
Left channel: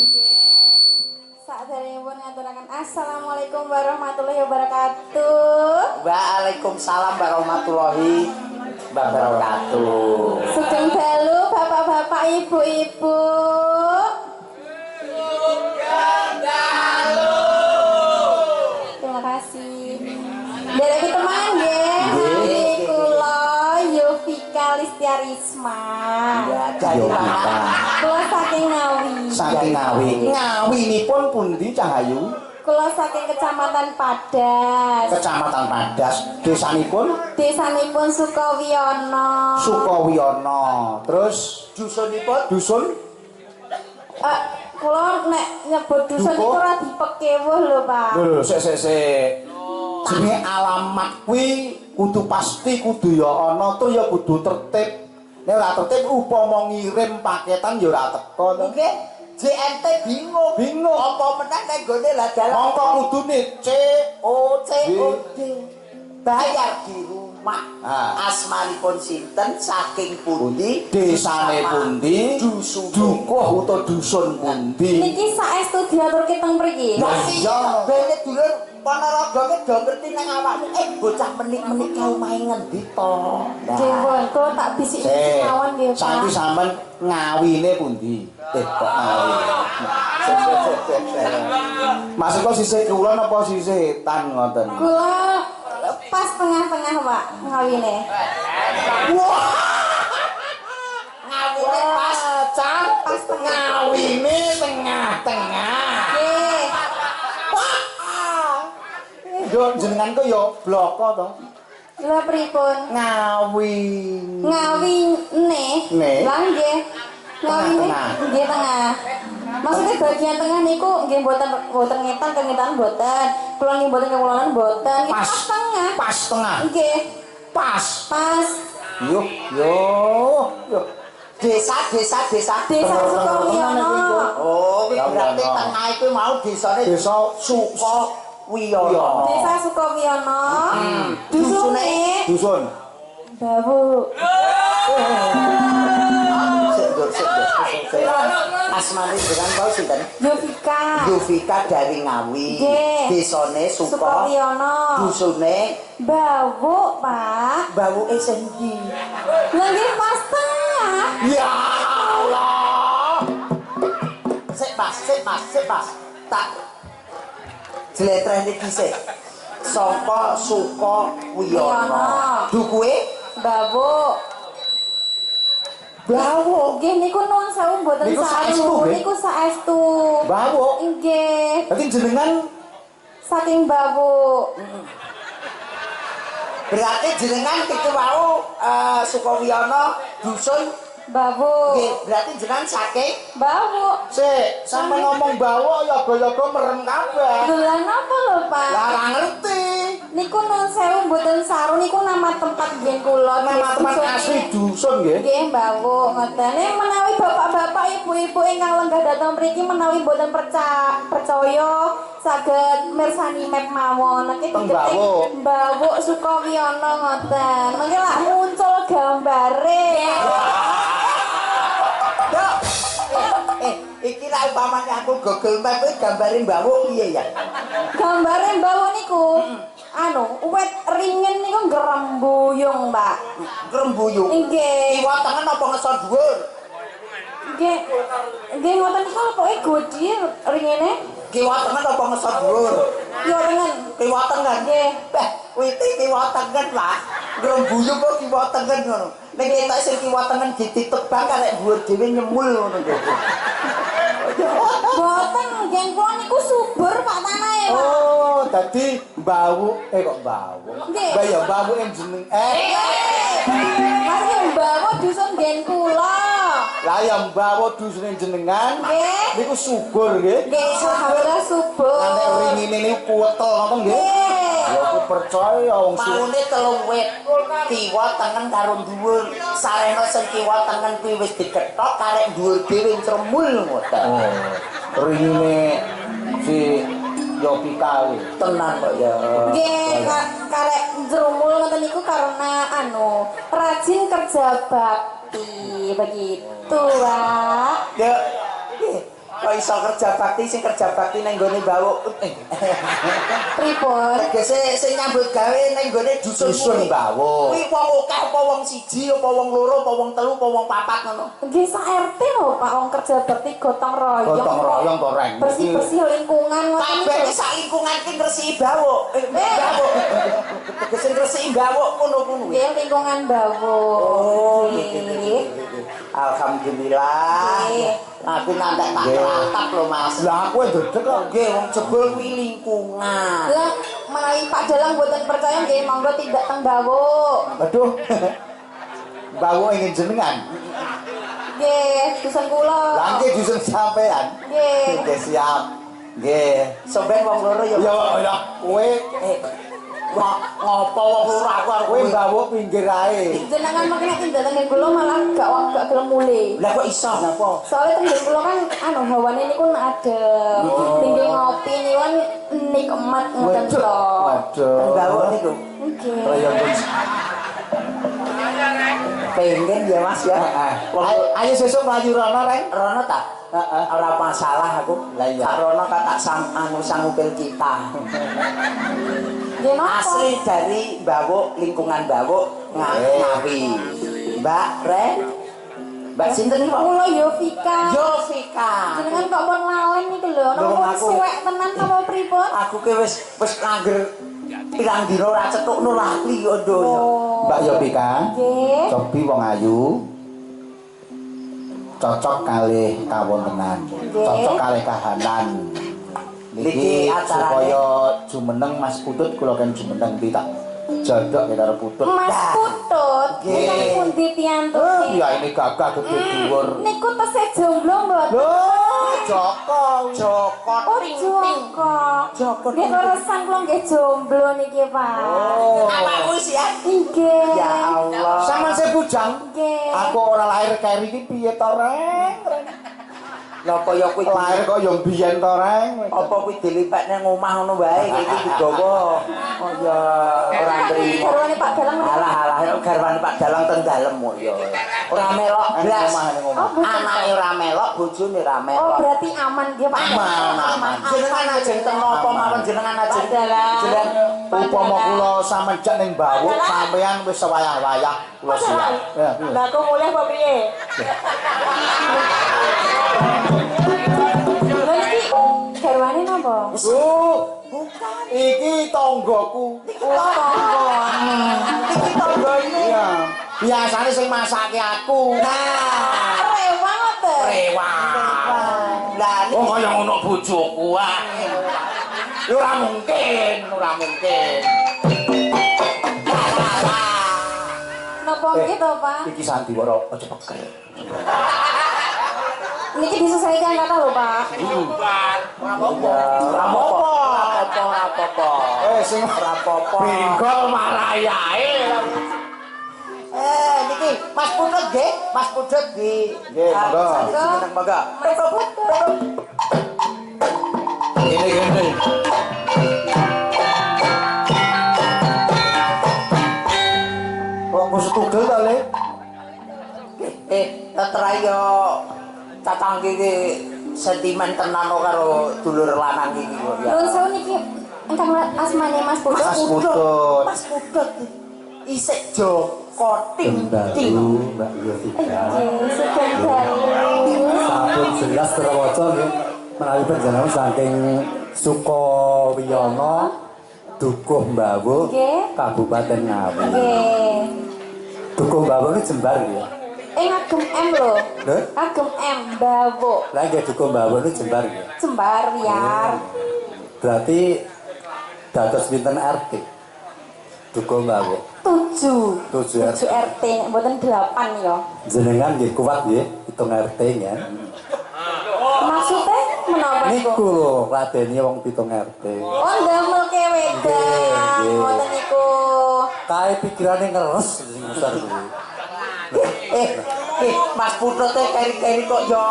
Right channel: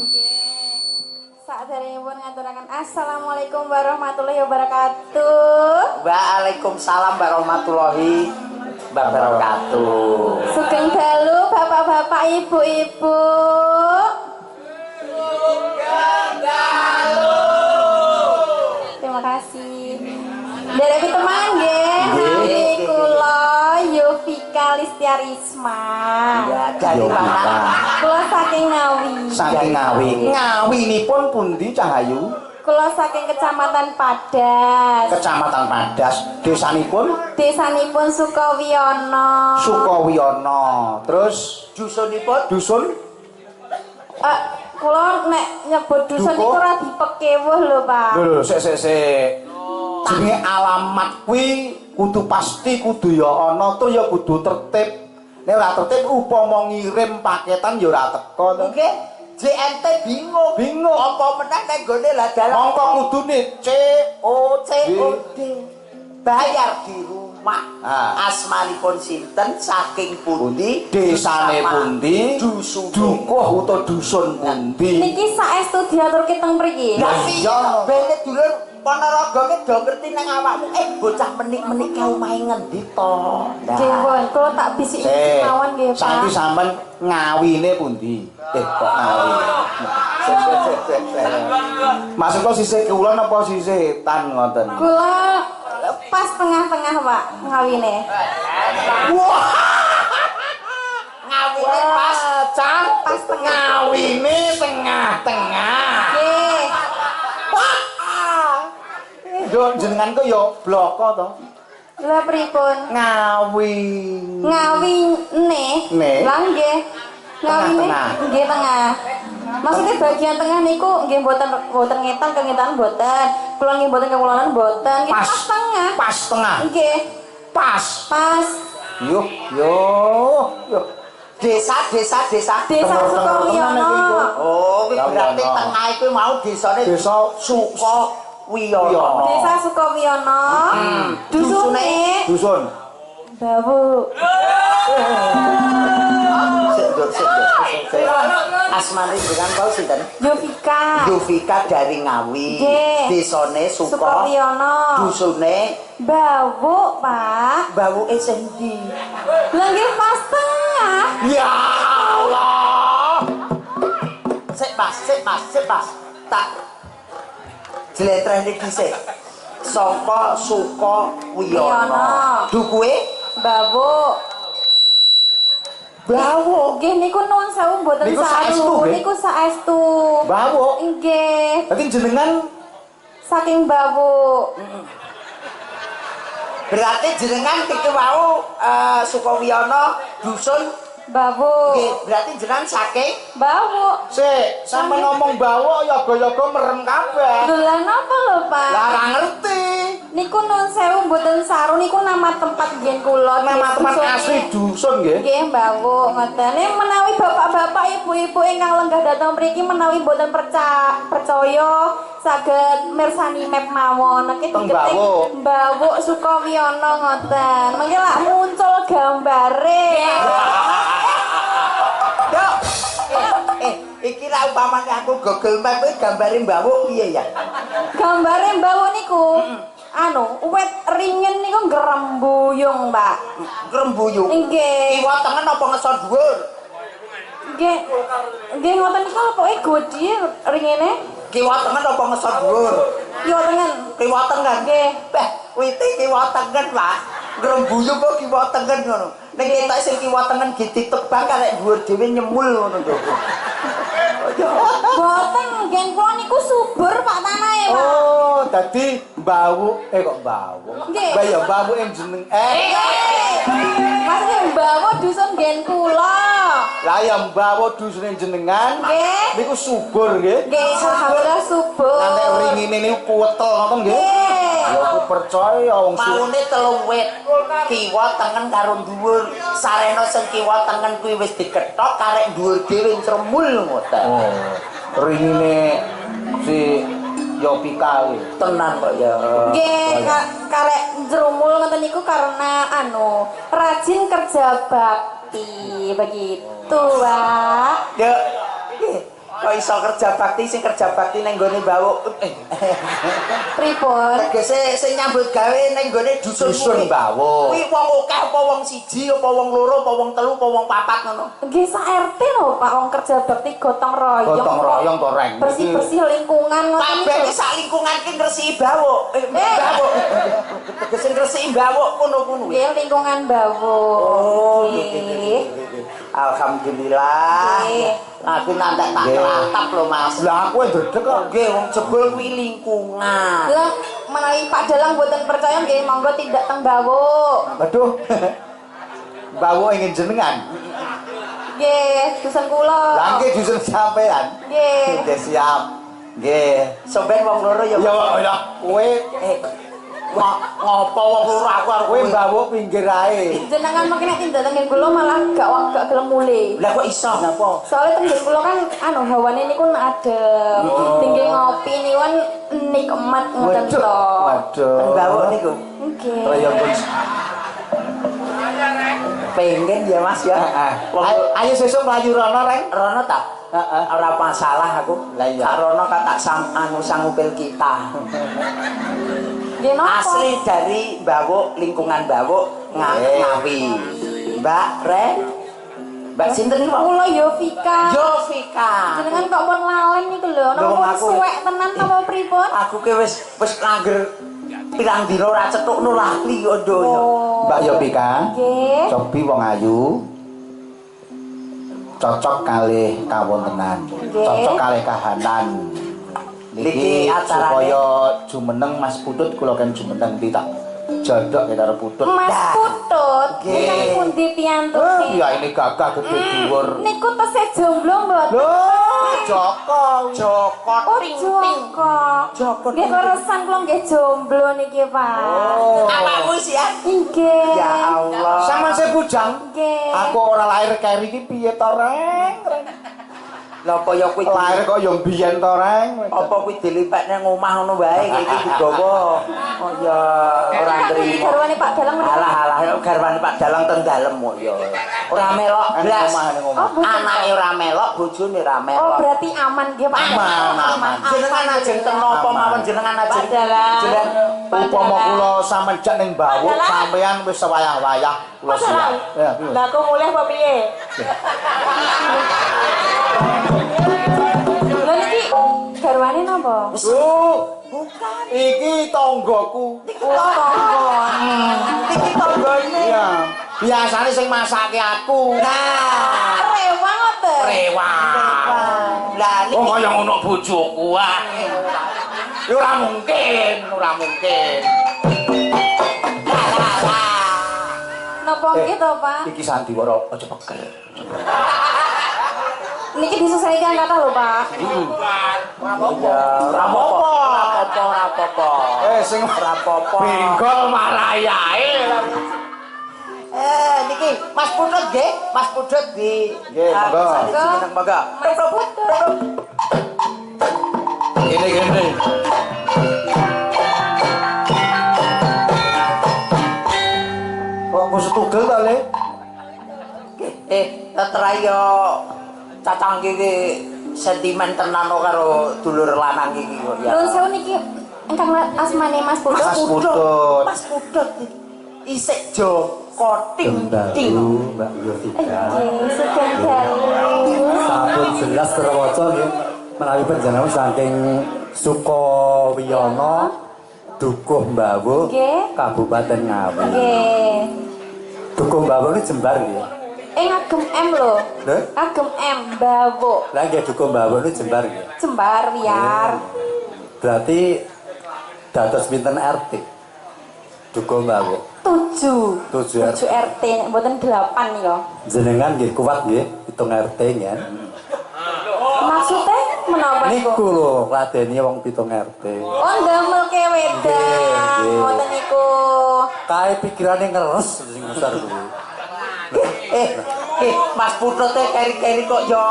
Sakderengipun ngaturaken assalamualaikum warahmatullahi wabarakatuh. Waalaikumsalam warahmatullahi wabarakatuh. Sugeng dalu bapak-bapak, ibu-ibu. Terima kasih. Dari teman nggih, nami kula Yovika Listiarisma. Ya, dari mana? Kula saking Ngawi. Saking Ngawi. Ngawinipun pundi Cahayu? Kula saking Kecamatan Padas. Kecamatan Padas. Desanipun Desanipun Sukowiyono. Sukowiyono. Terus Dusunipun dusun Kula nek nyebut dusun Dukuh? iku ora dipekewuh lho, Pak. lho sik. Jenenge alamat kuwi kudu pasti kudu ya ana tur ya kudu tertib. Nek ora tertib upama ngirim paketan ya ora teko to. nggih JNT bingung. Apa meneh nek gone lah dalan Mongko kudune C O COD. bayar di rumah. Asmanipun sinten, saking pundi, desane pundi, dusun dukuh utawa dusun pundi. Niki saestu diaturke teng mriki. Lah iya, bene dulur Ponorogo ki do ngerti nang awakmu. Bocah menik-menik kae omahe ngendi to? Nggih, Pun. Kula tak bisik-bisik mawon nggih, Pak. Saiki sampean ngawine pundi? Kok ngawi? Maksudku sisih kulon apa sisih tan ngoten? Kula pas tengah-tengah, Pak, ngawine. Wah. Ngawine pas, Cang. Pas tengah. Ngawine tengah-tengah. Nggih. Yo jenengan kok yo bloko to. Lah pripun? Ngawi. Ngawine. Ne. Lah nggih. Ngawine Tengah-tengah. nggih tengah. Maksudnya bagian tengah niku nggih mboten ngetan kengetan mboten. Kula nggih mboten kekulonan mboten. Nggih pas tengah. Pas tengah. Nggih. Pas. Pas. Yo. Desa. Desa Sukowiyono. Oh, kuwi berarti Sukowiyono. tengah iku mau desane Desa Sukowiyono. Desa Sukowiyono. Dusune dusun. Bawu. Sik. Asmane dengan kau sinten? Yovika. Yovika dari Ngawi. Nggih. Desane Sukowiyono. Dusune Bawu, Pak. bauke sendi. Lah nggih pas tengah. Ya Allah. Sik Mas. Tak jletrene dhisik. Saka Sukowiyono. Dukuhe Bawu. Bawu. Nggih niku nuwun sewu mboten Niku saestu, saru. nggih? Niku saestu. Bawu. Nggih. Berarti jenengan Saking Bawu. Berarti jenengan iki wau Sukowiyono dusun Bawu. nggih, berarti jenengan saking Bawu. sik sampe ngomong bawa yoga-yoga merem kabeh. Lha napa lho, Pak? Lah ora ngerti. Niku nuwun sewu mboten saru niku nama tempat nggih kula. Nama tempat Dusun asli dusun nggih. Nggih, Bawu. Ngoten. Menawi bapak-bapak, ibu-ibu ingkang lenggah dhateng mriki menawi mboten percaya saged mirsani map mawon. Niki Teng diketik Bawu. Bawu Sukowiyono ngoten. Mengki lak muncul gambare. Dok. Iki ra umpamane aku Google Map kuwi gambare mbawuk piye ya? Gambare Bawu niku wit ringin niku ngrembuyung, Pak. Grembuyung. Nggih. Kiwa tengen apa ngesor dhuwur? Nggih ngoten niku pokoke godi ringene. Kiwa tengen apa ngesor dhuwur? Kiwa tengen. Kiwa tengen. Nggih. Wite kiwa tengen, Pak. Grembuyung kok kiwa tengen ngono. Nek ketok sing kiwa tengen ditebang karek dhuwur dhewe nyemul ngono lho. Boten, nggih kula niku subur Pak tanahe, Pak. Oh, dadi bawu kok bawu. Nggih. Mbah ya bawu jeneng Mas Bawu dusun ngen kula. Lah ya bawu dusune jenengan. Nggih. Niku subur nggih. Nggih, alhamdulillah subur. Nganti ringine niku kuwetel ngoten nggih. Nggih. Ya aku percaya wong Maune telung wit. Kiwa tengen karo dhuwur. Sarena sing kiwa tengen kuwi wis dikethok karek dhuwur dhewe cremul ngoten. Oh, ringine si Yopika kuwi. Tenan kok ya. Nggih, karek njrumul ngoten niku karena rajin kerja bakti begitu, Pak. Ya. Kok iso kerja bakti sing kerja bakti nang gone bawuk. Pripun? Tegese sing nyambut gawe nang gone dusun Bawu. Kuwi wong akeh apa wong siji apa wong loro apa wong telu apa wong papat ngono. Nggih sak RT lho, Pak, wong kerja bakti gotong royong. Gotong royong to reng. Bersih-bersih lingkungan ngoten Kabeh iki sak lingkungan ki ngresiki bawuk. Bawuk. Tegese ngresiki bawuk ngono-ngono. Nggih, lingkungan Bawu. Oh, Nggih. Alhamdulillah. Nggih. Aku nantek tak kelatap lho, Mas. Lah aku ndredeg kok. Nggih, wong jebul kuwi lingkungan. Lah, menawi Pak Dalang mboten percaya nggih monggo tindak teng Bawu. Aduh. Bawu ingin jenengan. Nggih, dusun kula. Lah nggih dusun sampean. Nggih. Nggih siap. Nggih. Sampeyan wong loro ya. Ya kowe Ngopo wong loro aku karo kowe bawu pinggir ae. Jenengan mungkin tindak teng kula malah gak gelem mule. Lah kok iso napa? Soalnya tenggen kula kan hawane niku adem. Pinggir ngopi niku nikmat ngoten to. Waduh. Teng bawuk niku. Nggih. Raya pun. Pengen ya Mas ya. Ayo sesuk mlayu rono reng. Rono ta? Heeh. Ora masalah aku. Lah iya. Kak Rono kan tak sangupil kita. Nggih napa? Asli dari Bawuk, lingkungan Bawuk Ngawi. Mbak Ren. Mbak sinten iki, Pak? Kula Yovika. Yovika. Jenengan kok pun lalen niku lho. Lho, Napa aku- suwek tenan napa pripun? Aku ki wis langger pirang dina ora cetukno lali kok donya. Oh. Mbak Yovika. Nggih. Cobi wong ayu. Cocok kalih kawontenan. Cocok kalih kahanan. Niki acarane- supaya jumeneng Mas Putut kula kan jumeneng pitak jodhok karo Putut. Mas Dah. Putut, Nggih. ingkang pundi piyantune? Ya ini gagah gede dhuwur. Niku tesih jomblo mboten? Loh, Joko. Joko Oh, ting-ting. Joko. Nggih keresan kula nggih jomblo niki, Pak. Oh. Awakmu sih ya. Nggih. Ya Allah. Sama saya bujang. Nggih. Aku ora lahir keri iki piye to, Reng? Lha kaya kuwi Lahir kok yo mbiyen to, Reng. apa kuwi dilipek nang omah ngono wae iki digawa. Oh ya ora nrimo. Garwane Pak Dalang menika. Alah garwane Pak Dalang ten dalem kok ya. Ora melok blas. Oh, boten. Anake ora melok, bojone ora Oh, melok. berarti aman nggih, Pak. Aman. Jenengan ajeng ten napa mawon jenengan ajeng. Jenengan Upama kula sampeyan ning Bawuk sampeyan wis sewayah-wayah kula siap. Ya, piye? Lah aku mulai apa piye? Lho iki garwane napa? bukan Iki tanggoku. Oh, tonggon. iki tanggane. Iya. Biasane sing masake aku. Nah, Rewang ngoten. rewang. Lah Oh, niki kaya ngono bojoku ah. Ya ora mungkin, ora mungkin. Napa nggih to, Pak? Iki sandiwara aja pekel. Niki disesuaikan kata lho, Pak. ora apa-apa. Sing Ora apa-apa. benggol marayae. Niki Mas Putut nggih, Mas Putut di Nggih, monggo. Jeneng monggo. Gini. Kok kusut tugel ta, Le? Tetrayo cacang iki sentimen tenan karo dulur lanang iki kok ya. Nuwun sewu niki ingkang asmane Mas Putut. Mas Putut. Mas Putut isik Joko ting-ting. Mbak Yovika. Nggih, sugeng dalu. Sampun jelas terwaca nggih menawi panjenengan saking Sukowiyono Dukuh Mbawuk Nggih. Kabupaten Ngawi. Nggih. Dukuh Mbawuk ini jembar nggih. Ngagem M lho. Lho? Ngagem M Bawuk. Lah nggih Dukuh Mbawuk ini jembar nggih. Jembar Wiar. Berarti dados pinten RT? Dukuh Mbawuk. 7. 7 RT. 7 RT, mboten 8 ya. Jenengan nggih kuat nggih hitung RT nggih. Maksudnya menapa Niku niku? lho ngladeni wong pitung RT. Oh, ndamelke wedang. Nggih. Ngoten niku. Kae pikirane ngeres sing besar kuwi. Mas Putut keri-keri kok yo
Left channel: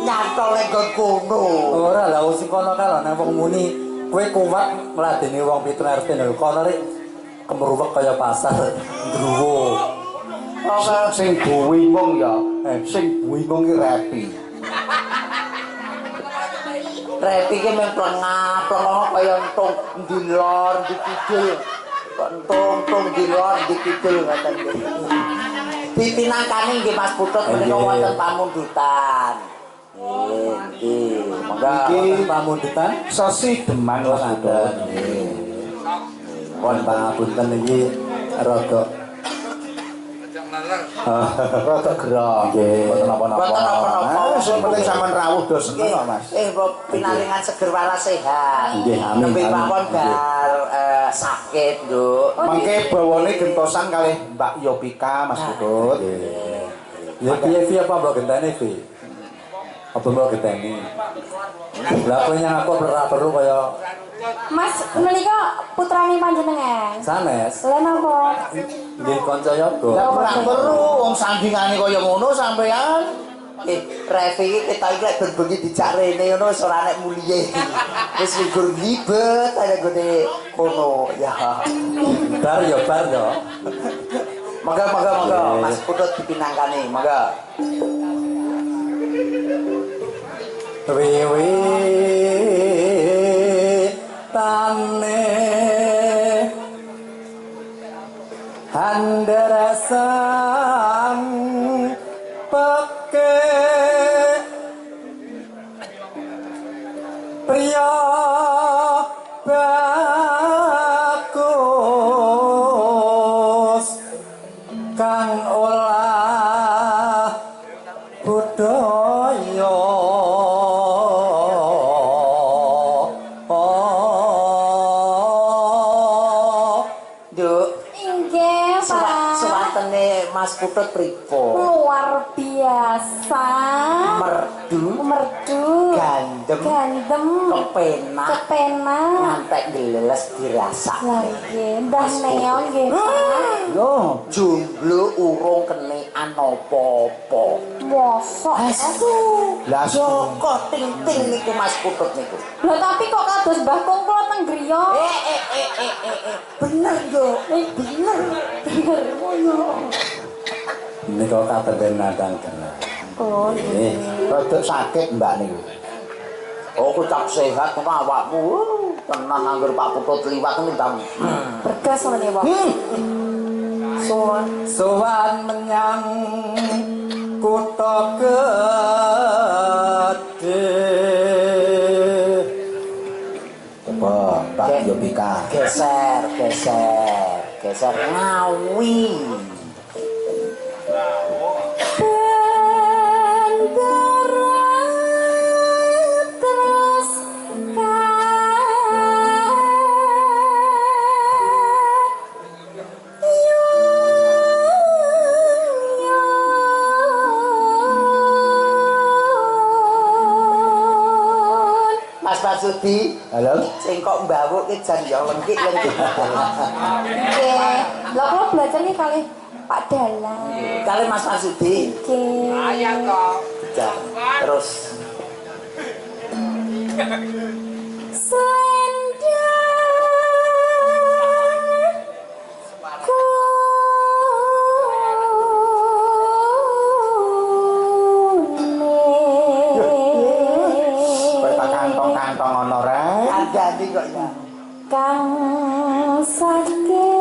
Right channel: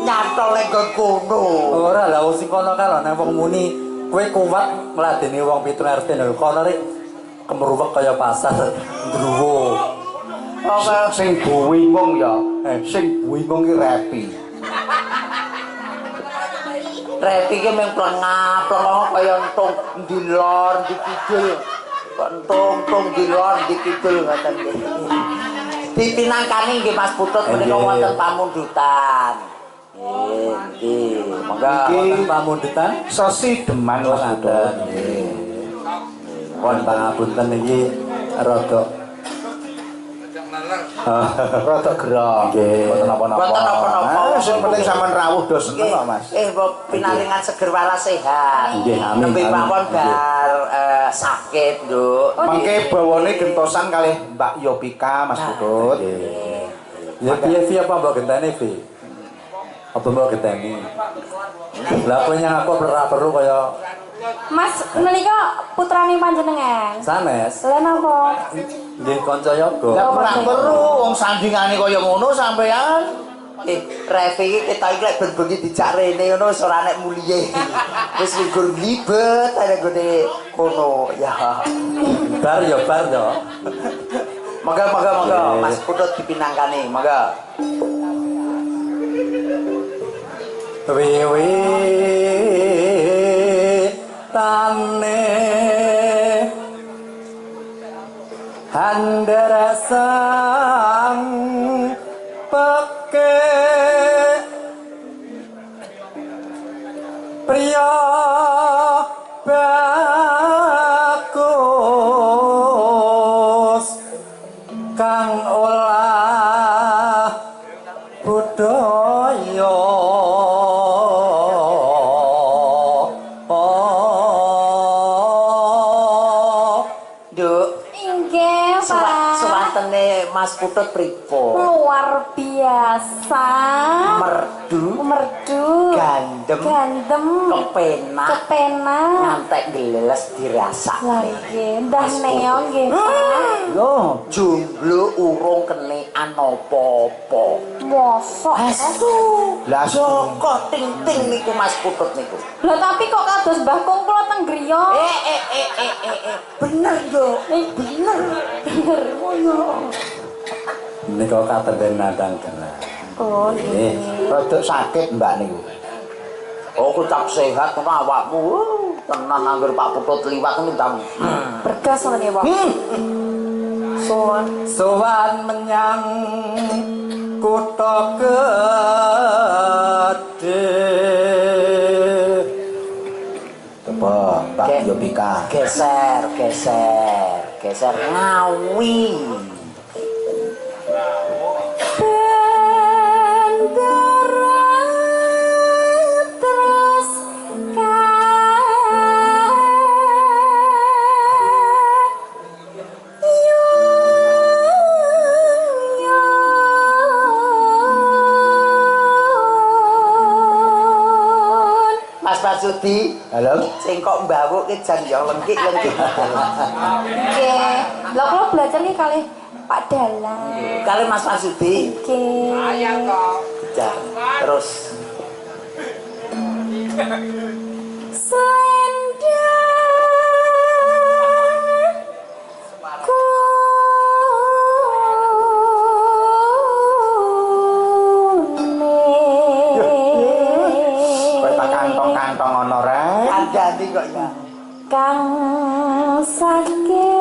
nyantol ning kono. Ora lah wong sing kono kae nang wong muni kowe kuat ngladeni wong pitung RT lho kono rek kemruwek kaya pasar ndruwo. Sing buwingung ya. Sing buwingung ki Repi. Repi ki mung plengah-plengah kaya entung ndi lor ndi kidul. Kok entung ndi lor ndi kidul ngoten nggih. Dipinangkani nggih Mas Putut menika Nggih. wonten pamundutan. Nggih, monggo. Iki pamundutan Sesi Deman Mas Putut. ngaten. Pon pangapunten iki rada Rada gerah. Nggih. Mboten napa-napa. Mboten napa-napa. Sing penting sampean rawuh do seneng kok, Mas. Pinaringan seger waras sehat. Nggih, amin, Nembe amin. mawon bar sakit, Nduk. Mengke bawane gentosan kalih Mbak Yovika Mas Putut. Ya piye Vi apa mbok genteni Vi? Apa mbok genteni? Lah kowe nyang aku perlu kaya Mas, menika putrane panjenengan. sanes. Lah napa? Nggih kanca yoga. Lah ora perlu wong sandingane kaya ngono sampean. Revi iki ketok iki lek ben bengi dijak rene ngono wis ora nek muliye. Wis ligur libet ana gone kono ya. Bar ya bar to. Mangga Mas Putut dipinangkani, mangga. Wiwi tane handarasang peke priya bagus kang olah budaya Mas Putut pripun? Luar biasa. Merdu. Gandem. Kepenak. Ngantek geles dirasakne. Lah nggih, ndah neon nggih. Yo, jomblo urung kenekan apa-apa. Mosok. Aduh. Lah kok ting-ting niku Mas Putut niku. Lah tapi kok kados Mbah Kung kula teng griya. Bener yo. Bener. Oh yo. Nika katenden nadang kena. Oh nggih. Rodok sakit Mbak niku. Oh, kucap sehat ngono awakmu. Tenan angger Pak Putut liwat ndang. Bergas ngono nggih, Pak. Sowan menyang kutha gedhe. Coba Mbak Yobika. Geser ngawi. Sudi, halo. Sing kok mbawuk ki jan ya lengkik. Nggih. Lah kula belajar nih kali Pak Dalang. Kali Mas Sudi. Nggih. Ayo kok. Terus Andi kok ya. Kang saking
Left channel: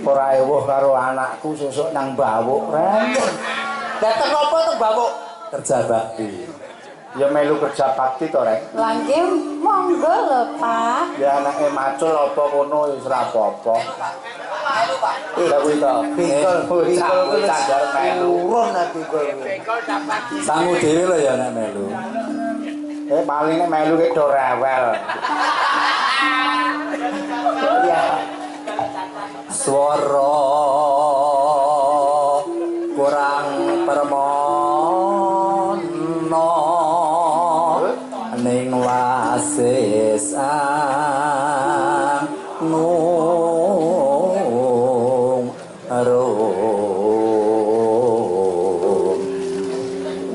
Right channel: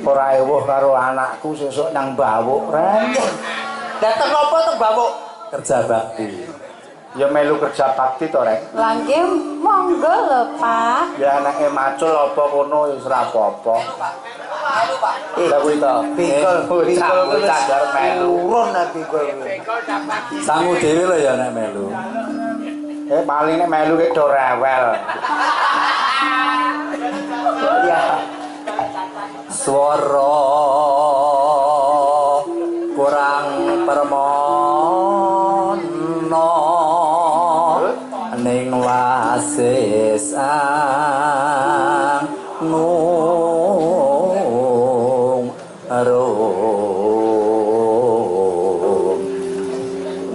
ora ewuh karo anakku sesuk nang bawuk ren. Dateng apa tuh bawuk? Kerja bakti. Ya melu kerja bakti to rek. Lah nggih monggo lho Pak. Ya anake macul apa kono wis ora apa-apa. Lah kuwi to. Bingkol kuwi cadar melu. Urun nek bingkol. Sangu dhewe lho ya nek melu. Paling nek melu ki do rewel. Ya. Swara kurang permono ning wasis nung rum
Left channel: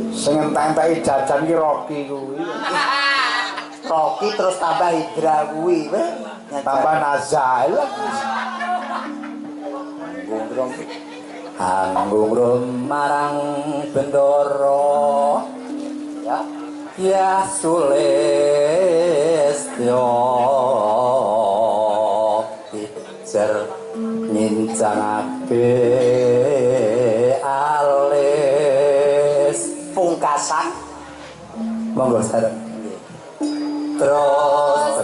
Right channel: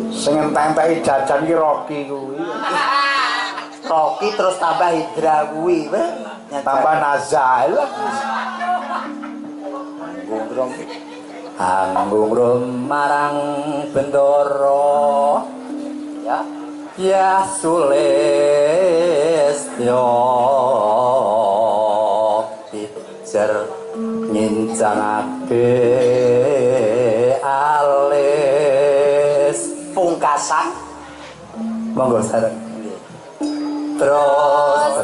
Sing entek-enteki jajan ki Rocky kuwi. Rocky terus tambah Hidra kuwi, Tambah Nazal. Anggung rum marang bendoro ya. Ya Sulistyo pijer ngincangake alis Pungkasan monggo sareng terus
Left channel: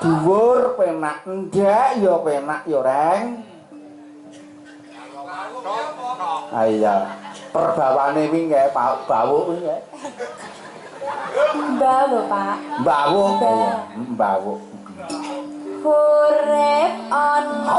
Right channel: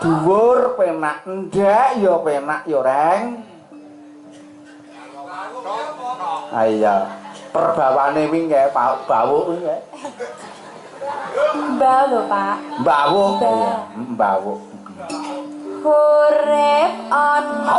dhuwur penak ndek ya penak ya Reng. Ah iya, perbawane wingi nggih Pak Bawuk wingi. Mbak lho, Pak. Bawuk. Mbak. Iya, Bawuk. Urip ana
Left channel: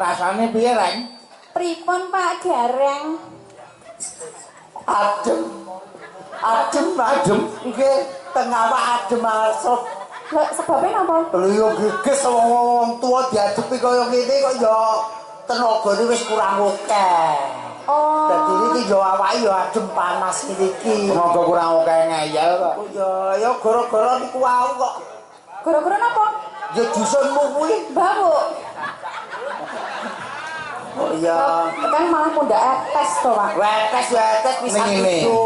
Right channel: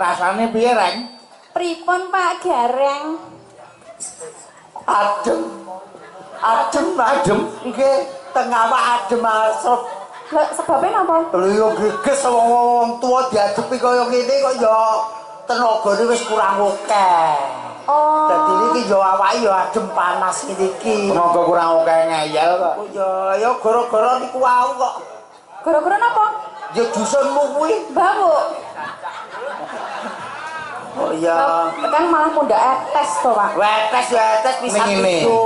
Rasane piye, Reng? Pripun Pak Gareng? Adem. Adem. Nggih, teng awak adem asep. Lho, sebabnya napa? Lho yo geges wong tuwa diadepi kaya ngene kok ya tenagane wis kurang akeh. Oh. Dadi iki yo awake yo adem panas ngene iki. Tenaga kurang akeh ngeyel kok. Oh ya gara-gara niku wau kok. Gara-gara napa? Ya dusunmu kuwi. Bawuk. Oh iya. Kan malah pundak tes to, Pak. Wetes bisa Ning ngene. itu.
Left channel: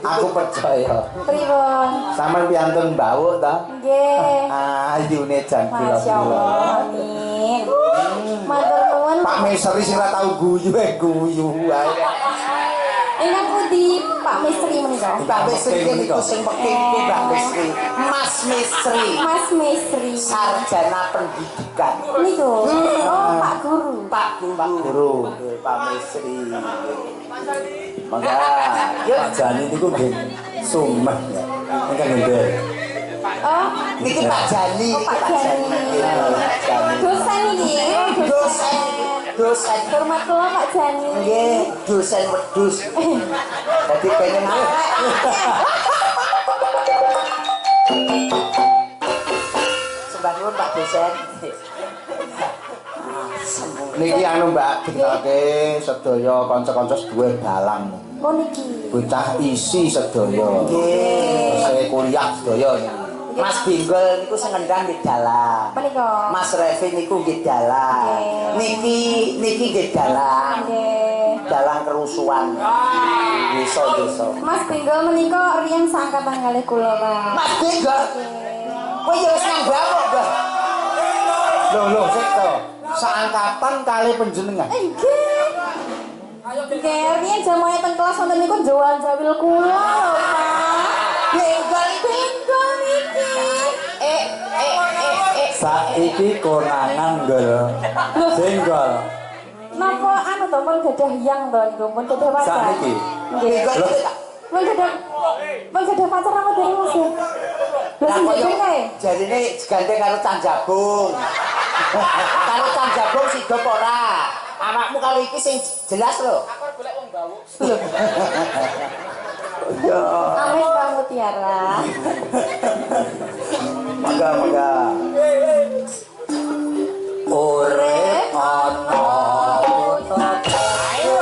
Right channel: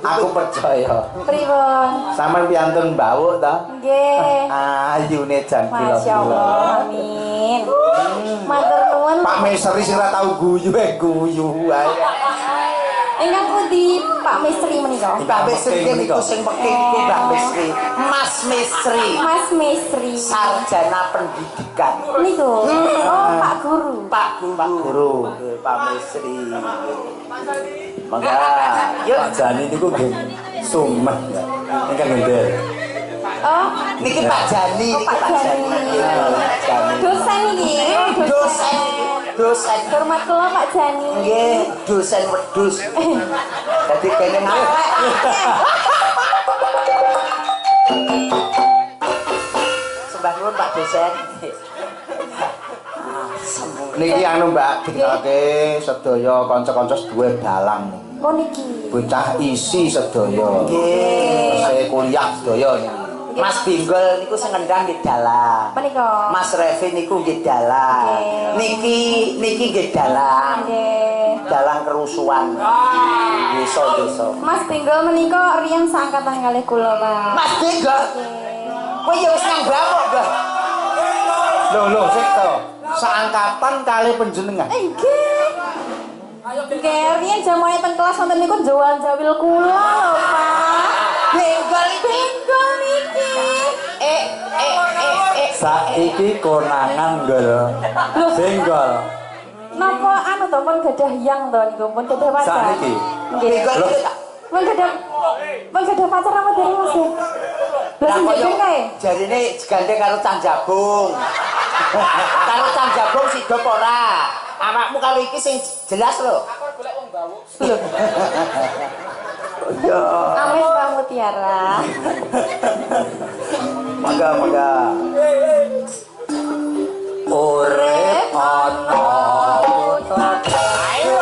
Aku percaya. Pripun? Sampeyan piantun Bawuk ta? Nggih. Ayune jan Masya Allah. Amin. Matur nuwun. Pak Mesri sing ora tau guyu ae. Ingkang pundi Pak Mistri menika? Mbak Misri niku sing peking ku Mbak Misri. Mas Misri. Mas Mistri. Sarjana pendidikan. Niku. Oh, Pak Guru. Pak Guru. Pak Misri. Mangga Yuk, Pak Jani niku nggih sumeh. Ingkang ngendel. Oh, niki Pak Jani, oh, Pak Jani. Jani. Dosen iki. Dosen. Hormat kula Pak Jani. Nggih, dosen wedhus. Dadi pengen awek. Sembah nuwun Pak dosen. Niki anu Mbak dikake sedaya kanca-kanca duwe dalang. Oh niki. Bocah isi sedaya. Nggih. Saya kuliah sedaya niki. Mas Binggol niku sing ngendang nggih dalang. Menika. Mas Revi niku nggih dalang. Nggih. Niki niki nggih dalang. Nggih. Dalang kerusuhan. Desa-desa. Mas Benggo menika riyen seangkatan kalih kula, Pak. Mas Benggo. Kowe ya wis nang bawah, Mbah. Lho sik to. Seangkatan kali panjenengan. Nggih. Nggih, riyen jamoe teng kelas wonten niku njual jawil kula lho, Pak. Benggo Benggo niki. Saiki konangan Gol. Senggol. Napa anu to pun gadah yang to niku pun gadah pacar. Sakniki. Nggih. Benggo iki tak. Pun gadah pacar apa dari Mas? Lah sing jeng kae. Jarine digandeng karo Canjabung. Karo Canjabung sigop ora. Awakmu karo iki sing jelas lho. Aku golek wong bawuk. Yo. Amin Pak Mutiara. Mangga. Urip ana putra. Ayo.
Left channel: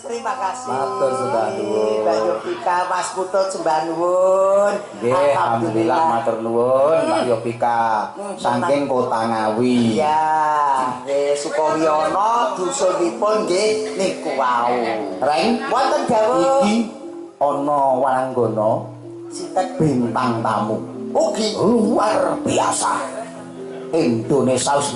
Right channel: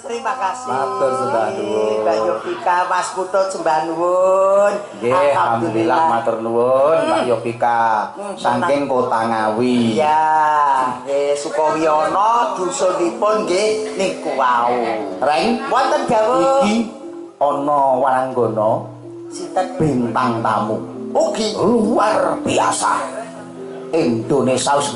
Terima kasih. Matur sembah nuwun. Mbak Yovika, Mas Putut sembah nuwun. Nggih, alhamdulillah matur nuwun Mbak Yovika. Saking Kota Ngawi. Iya, nggih Sukowiyono dusunipun nggih niku wau. Reng, Wonten dawuh iki ana waranggana sinten bintang tamu ugi luar biasa. Indonesia wis